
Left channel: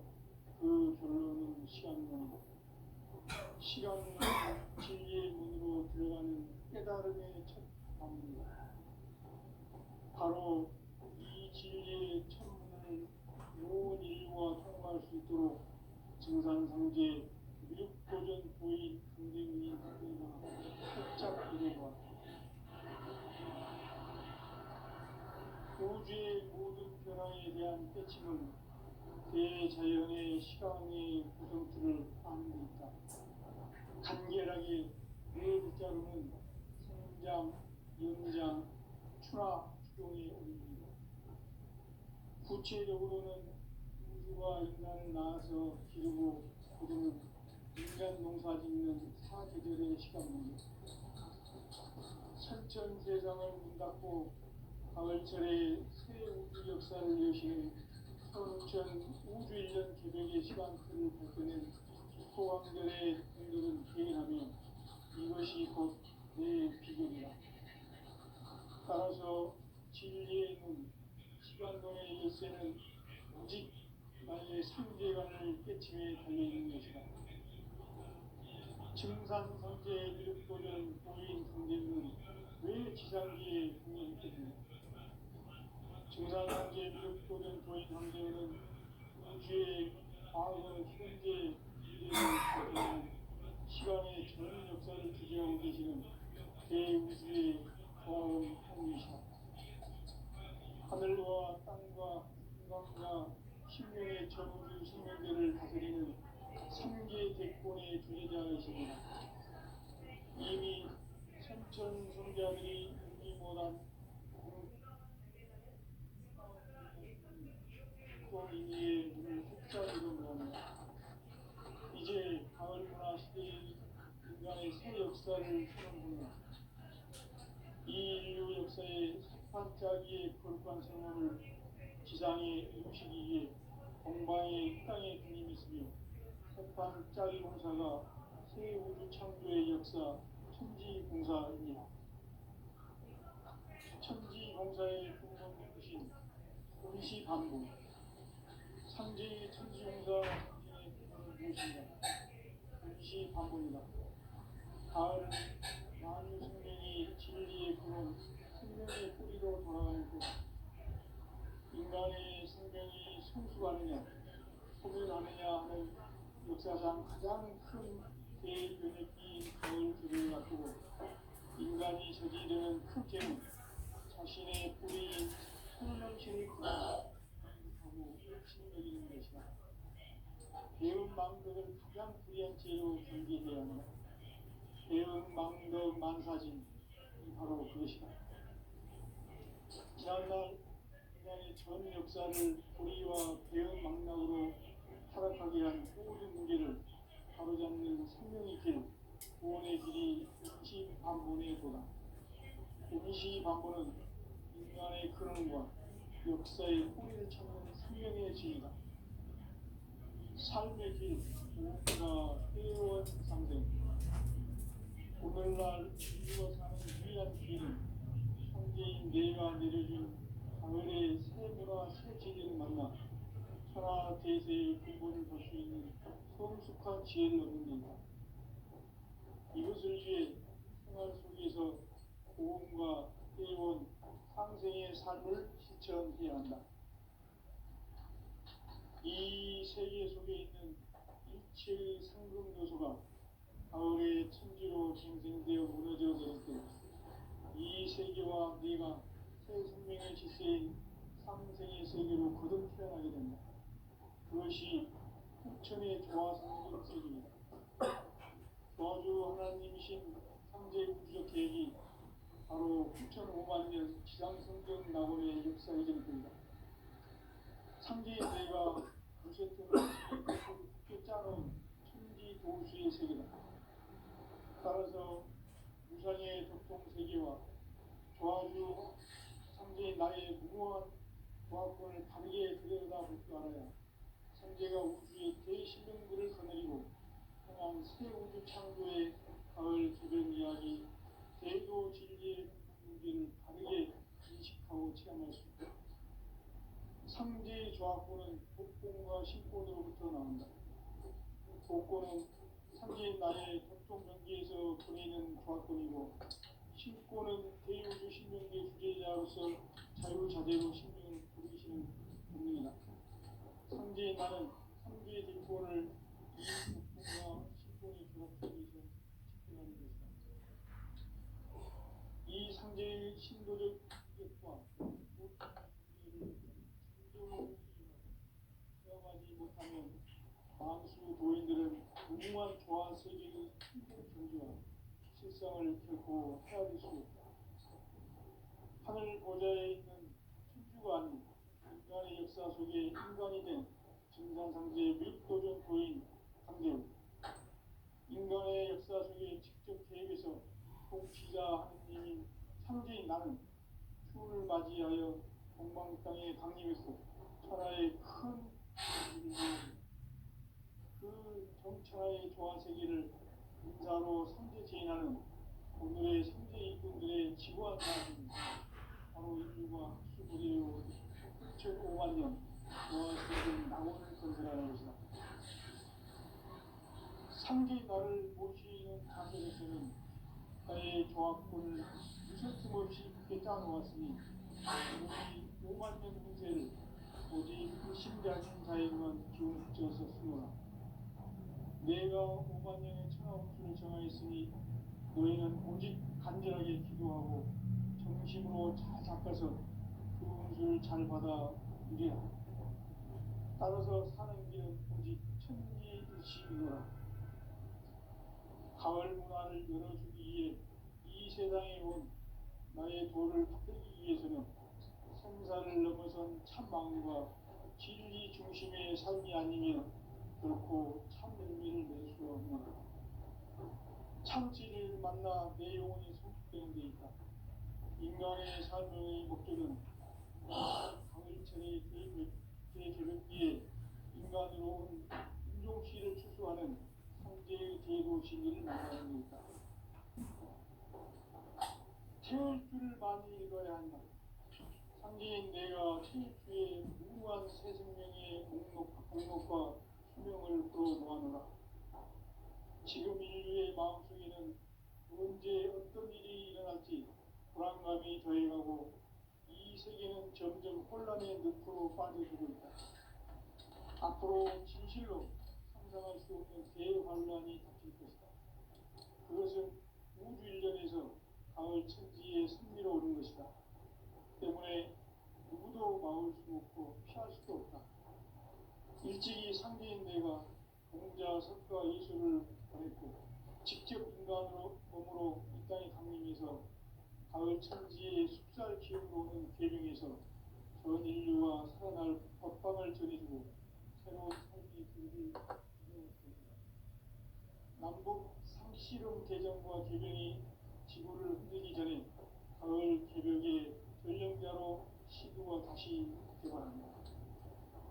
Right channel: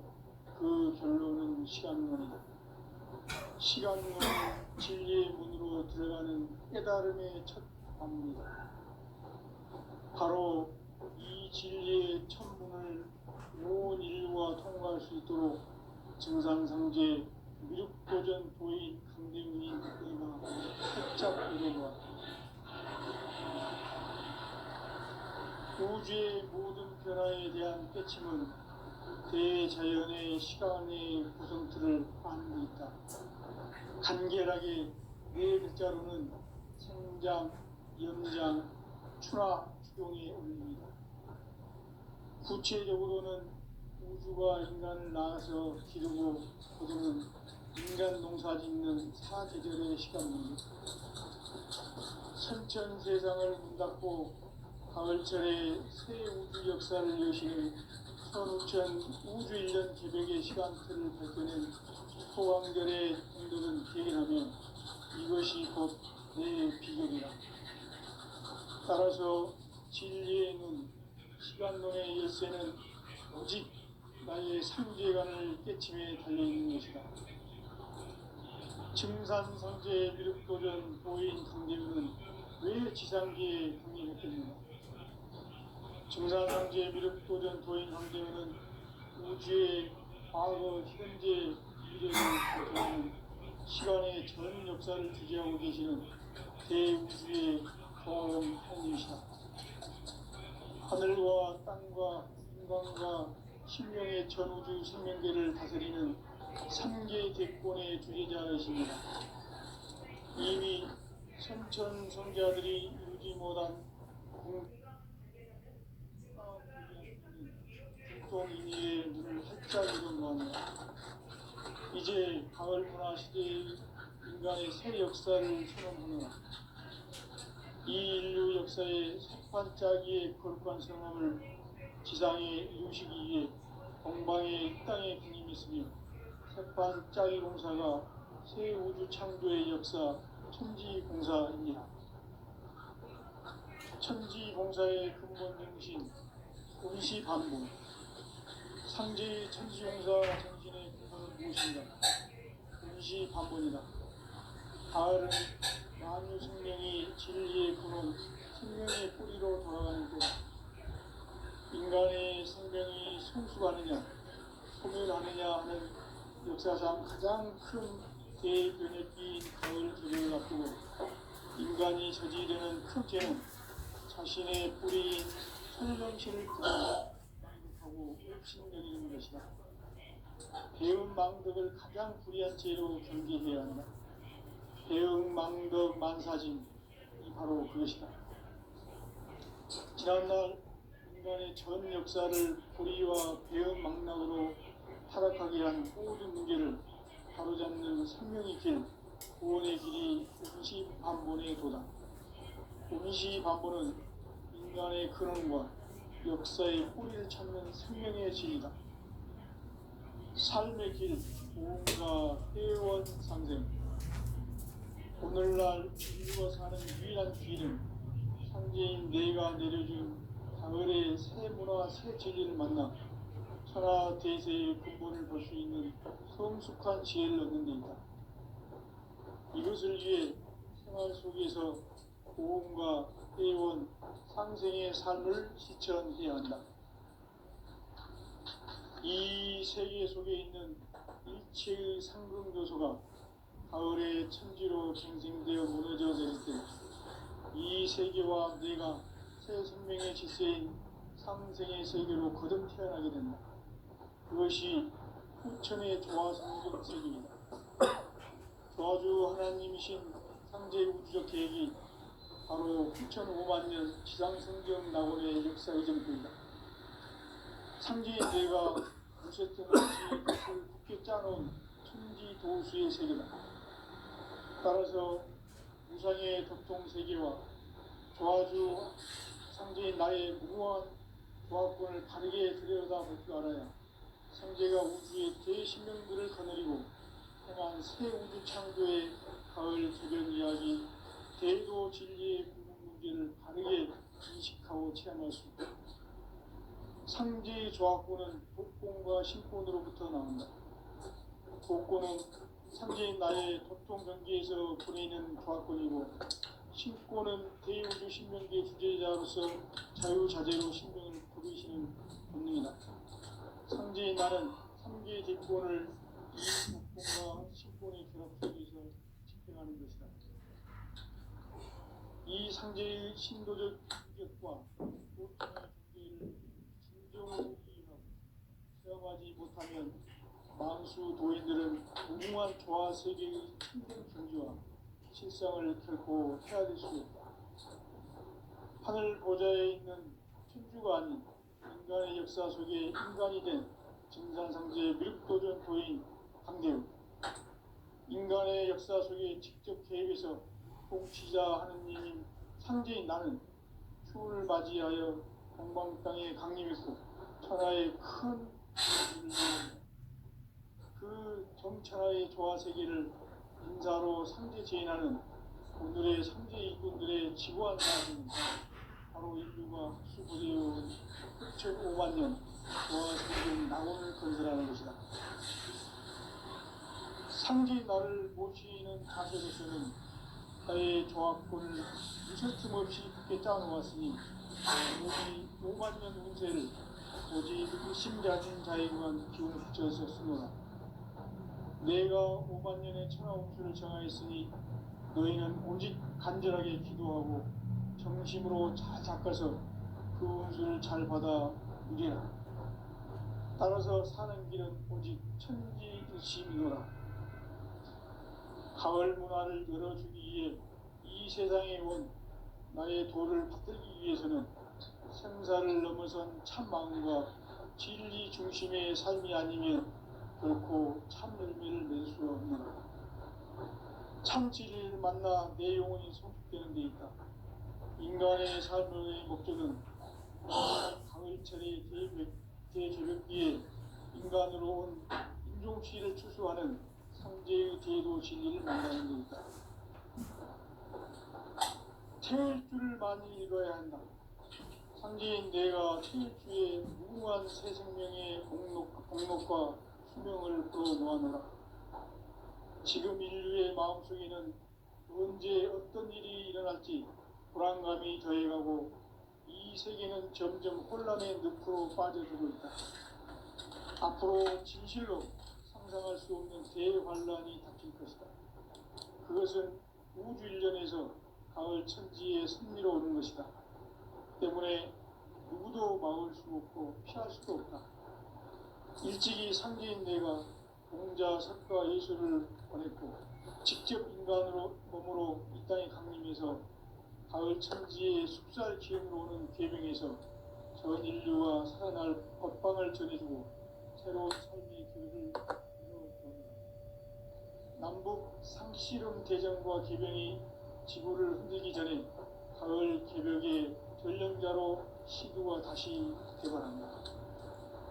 그 결론은 시간론이다. 시간론은 진리의 문으로 들어가는 깨달음의 첫 방문이다. 바로 이 진리의 첫 문을 온 인류가 통과할 수 있도록 증상상제 미륵도전 도인 강대문인 그가 살짝 이뤄보았다. 우주의 모든 변화에 대한 깨침은 대자연의 시간의 구성틀을 아는 데 있다. 간결하게 네 글자로는 생장, 연장, 추나, 추동의 원리입니다. 구체적으로는 우주가 인간을 낳아서 기르고 거두는 인간 농사 짓는 사계절의 시간입니다. 선천 세상을 문 닫고 가을철에 새 우주 역사를 여시는 선우천 우주 1년 개벽의 시간틀을 밝혀낸 소왕절의 공덕은 대행하며 이것이 곧 내 비결이라. 따라서 진리의 눈, 시간론의 열쇠는 오직 나의 상제관을 깨침에 달려있는 것이다. 증산상제 미륵도전 도인 강대문은 왜 지상기에 등장했겠느냐? 증산상제 미륵도전 도인 강대문은 우주의 과거, 현재, 미래를 대표하는 시간의 전 역사를 주재하고 계시는 대우주의 경험형이시다. 하늘과 땅과 인간과 신명의 전우주 생명계를 다스리는 3계 대권의 주제자이십니다. 이미 선천성자들이 이루지 못한 국동인의의 문을 활짝 열은 겁니다. 이제 가을 문화 시대의 인간의 새 역사를 선언하노라. 이 인류 역사의 삭발짜기의 거룩한 성함을 지상에 이루시기 위해 동방의 이 땅에 군림이 있으며 삭발짜기 공사가 새 우주 창조의 역사 천지공사입니다. 천지공사의 근본 정신 임시반복. 상제의 천지공사 정신의 근본은 무엇인가? 임시반복이다. 가을은 만유 생명이 진리의 근원, 생명의 뿌리로 돌아가는 때다. 인간의 생명이 성숙하느냐, 소멸하느냐 하는 역사상 가장 큰 대변혁기인 가을 계절을 앞두고 인간이 저지르는 큰 죄는 자신의 뿌리인 설명실을 하고 өв신여기는 것이다. 배은망덕을 가장 불의한 죄로 경계해야 한다. 배은망덕 만사진이 바로 그것이다. 지난날 인간의 전 역사를 불의와 배은망락으로 타락하게 한 모든 문제를 바로잡는 생명의 길, 구원의 길이 임시반본의 도다. 임시반본은 인간의 근원과 역사의 뿌리를 찾는 생명의 진이다. 삶의 길, 무언가 회원 상생. 오늘날 인류가 사는 유일한 길은 상제인 내가 내려준 가을의 새 문화, 새 진리를 만나 천하 대세의 근본을 볼 수 있는 성숙한 지혜를 얻는 데 있다. 이것을 위해 생활 속에서 고음과 회원, 상생의 삶을 실천해야 한다. 이 세계 속에 있는 일체의 상급 요소가 가을의 천지로 갱생되어 무너져 내릴 때 이 세계와 내가 새 생명의 질서인 상생의 세계로 거듭 태어나게 된다. 그것이 후천의 조화 성경 세계입니다. 조화주 하나님이신 상제 우주적 계획이 바로 9,500년 지상성경 낙원의 역사 의정표입니다. 상제의 뇌가 무쇠등 없이 굳게 짜놓은 천지 도수의 세계다. 따라서 무상의 덕통세계와 조화주 상제인 나의 무궁한 조화권을 바르게 들여다볼 줄 알아야 상제가 우주의 대신명들을 거느리고 행한 새 우주 창조의 가을 개변 이야기, 대도 진리의 궁극 문제를 바르게 인식하고 체험할 수 있다. 상제의 조화권은 복권과 신권으로부터 나온다. 복권은 상제인 나의 도통경계에서 보내는 조화권이고, 신권은 대우주 신명계 주제자로서 자유자재로 신명을 부르시는 본능이다. 상제인 나는 상계의 대권을 이 복권과 신권의 결합 속에서 집행하는 것이다. 이 상제의 신도적 인격과 보통의 경계를 진정으로 이해하고 체험하지 못하면 만수 도인들은 무궁한 조화 세계의 참된 경지와 실상을 결코 헤아릴 수 없다. 하늘 보좌에 있는 천주가 아닌 인간의 역사 속에 인간이 된 증산상제의 밀도전 도인 강대우, 인간의 역사 속에 직접 개입해서 통치자 하느님인 상제인 나는 추을 맞이하여 동방 땅에 강림했고 천하의 큰 그 정천하의 조화 세계를 인사로 상제 제인하는 오늘의 상제 일꾼들의 지구한 사람은 바로 인류가 수부되어온 9,500년 조화 세계 낙원을 건설하는 것이다. 상제 나를 모시는 자세로서는 나의 조화권을 무슨 틈 없이 굳게 짜놓았으니 오직 5만 년 운세를 오직 의심자진 자에게만 기운을 붙여서 쓰노라. 내가 5만 년의 천하 운수를 정하였으니 너희는 오직 간절하게 기도하고 정심으로 잘 닦아서 그 운수를 잘 받아 누리라. 따라서 사는 길은 오직 천지일심이노라. 가을 문화를 열어주기 위해 이 세상에 온 나의 도를 받들기 위해서는 생사를 넘어선 참 마음과 진리 중심의 삶이 아니면 결코 참 열매를 맺을 수 없는 참 진리를 만나 내 영혼이 성숙되는 데 있다. 인간의 삶의 목적은 가을철의 대개벽기에 인간으로 온 인종치를 추수하는 상제의 대도 진리를 만나는 데 있다. 태일주를 많이 읽어야 한다. 상제인 내가 태일주의 무궁한 새 생명의 목록과 수명을 풀어놓아노라. 지금 인류의 마음속에는 언제 어떤 일이 일어날지 불안감이 더해가고 이 세계는 점점 혼란의 늪으로 빠져들고 있다. 앞으로 진실로 상상할 수 없는 대환란이 닥칠 것이다. 그것은 우주 일련에서 가을 천지의 승리로 오는 것이다. 때문에 누구도 막을 수 없고 피할 수도 없다. 일찍이 상제인 내가 공자, 석가, 예수를 보냈고 직접 인간으로 몸으로 이 땅에 강림해서 가을 천지의 숙살 기운으로 오는 계명에서 전 인류와 살아날 법방을 전해주고 새로운 삶의 길을 열어주었다. 남북 상씨름 대전과 개병이 지구를 흔들기 전에 가을 개벽의 전령자로 시도가 다시 개발한다.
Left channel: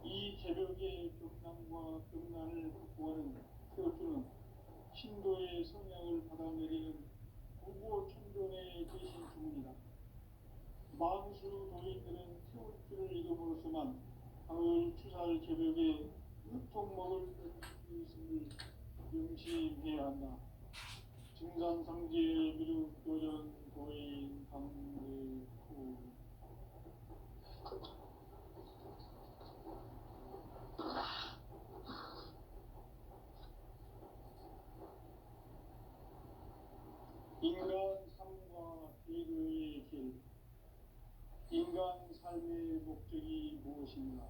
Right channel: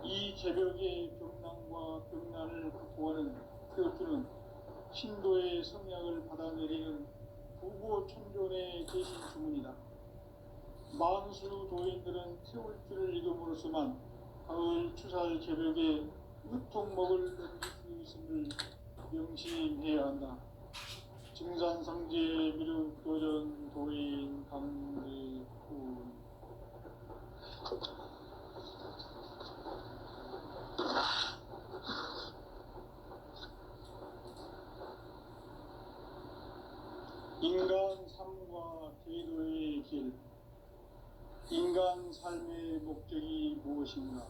이 개벽의 병난과 병난을 극복하는 태엽주는 신도의 성량을 받아내리는 부고천존의 대신 주문이다. 만수 도인들은 태울주를 이름으로서만 가을 추살 개벽에 으통 먹을 수 있음을 명심해야 한다. 증산상제 미륵도전 도인 강대구 인간 삶과 대도의 길. 인간 삶의 목적이 무엇인가?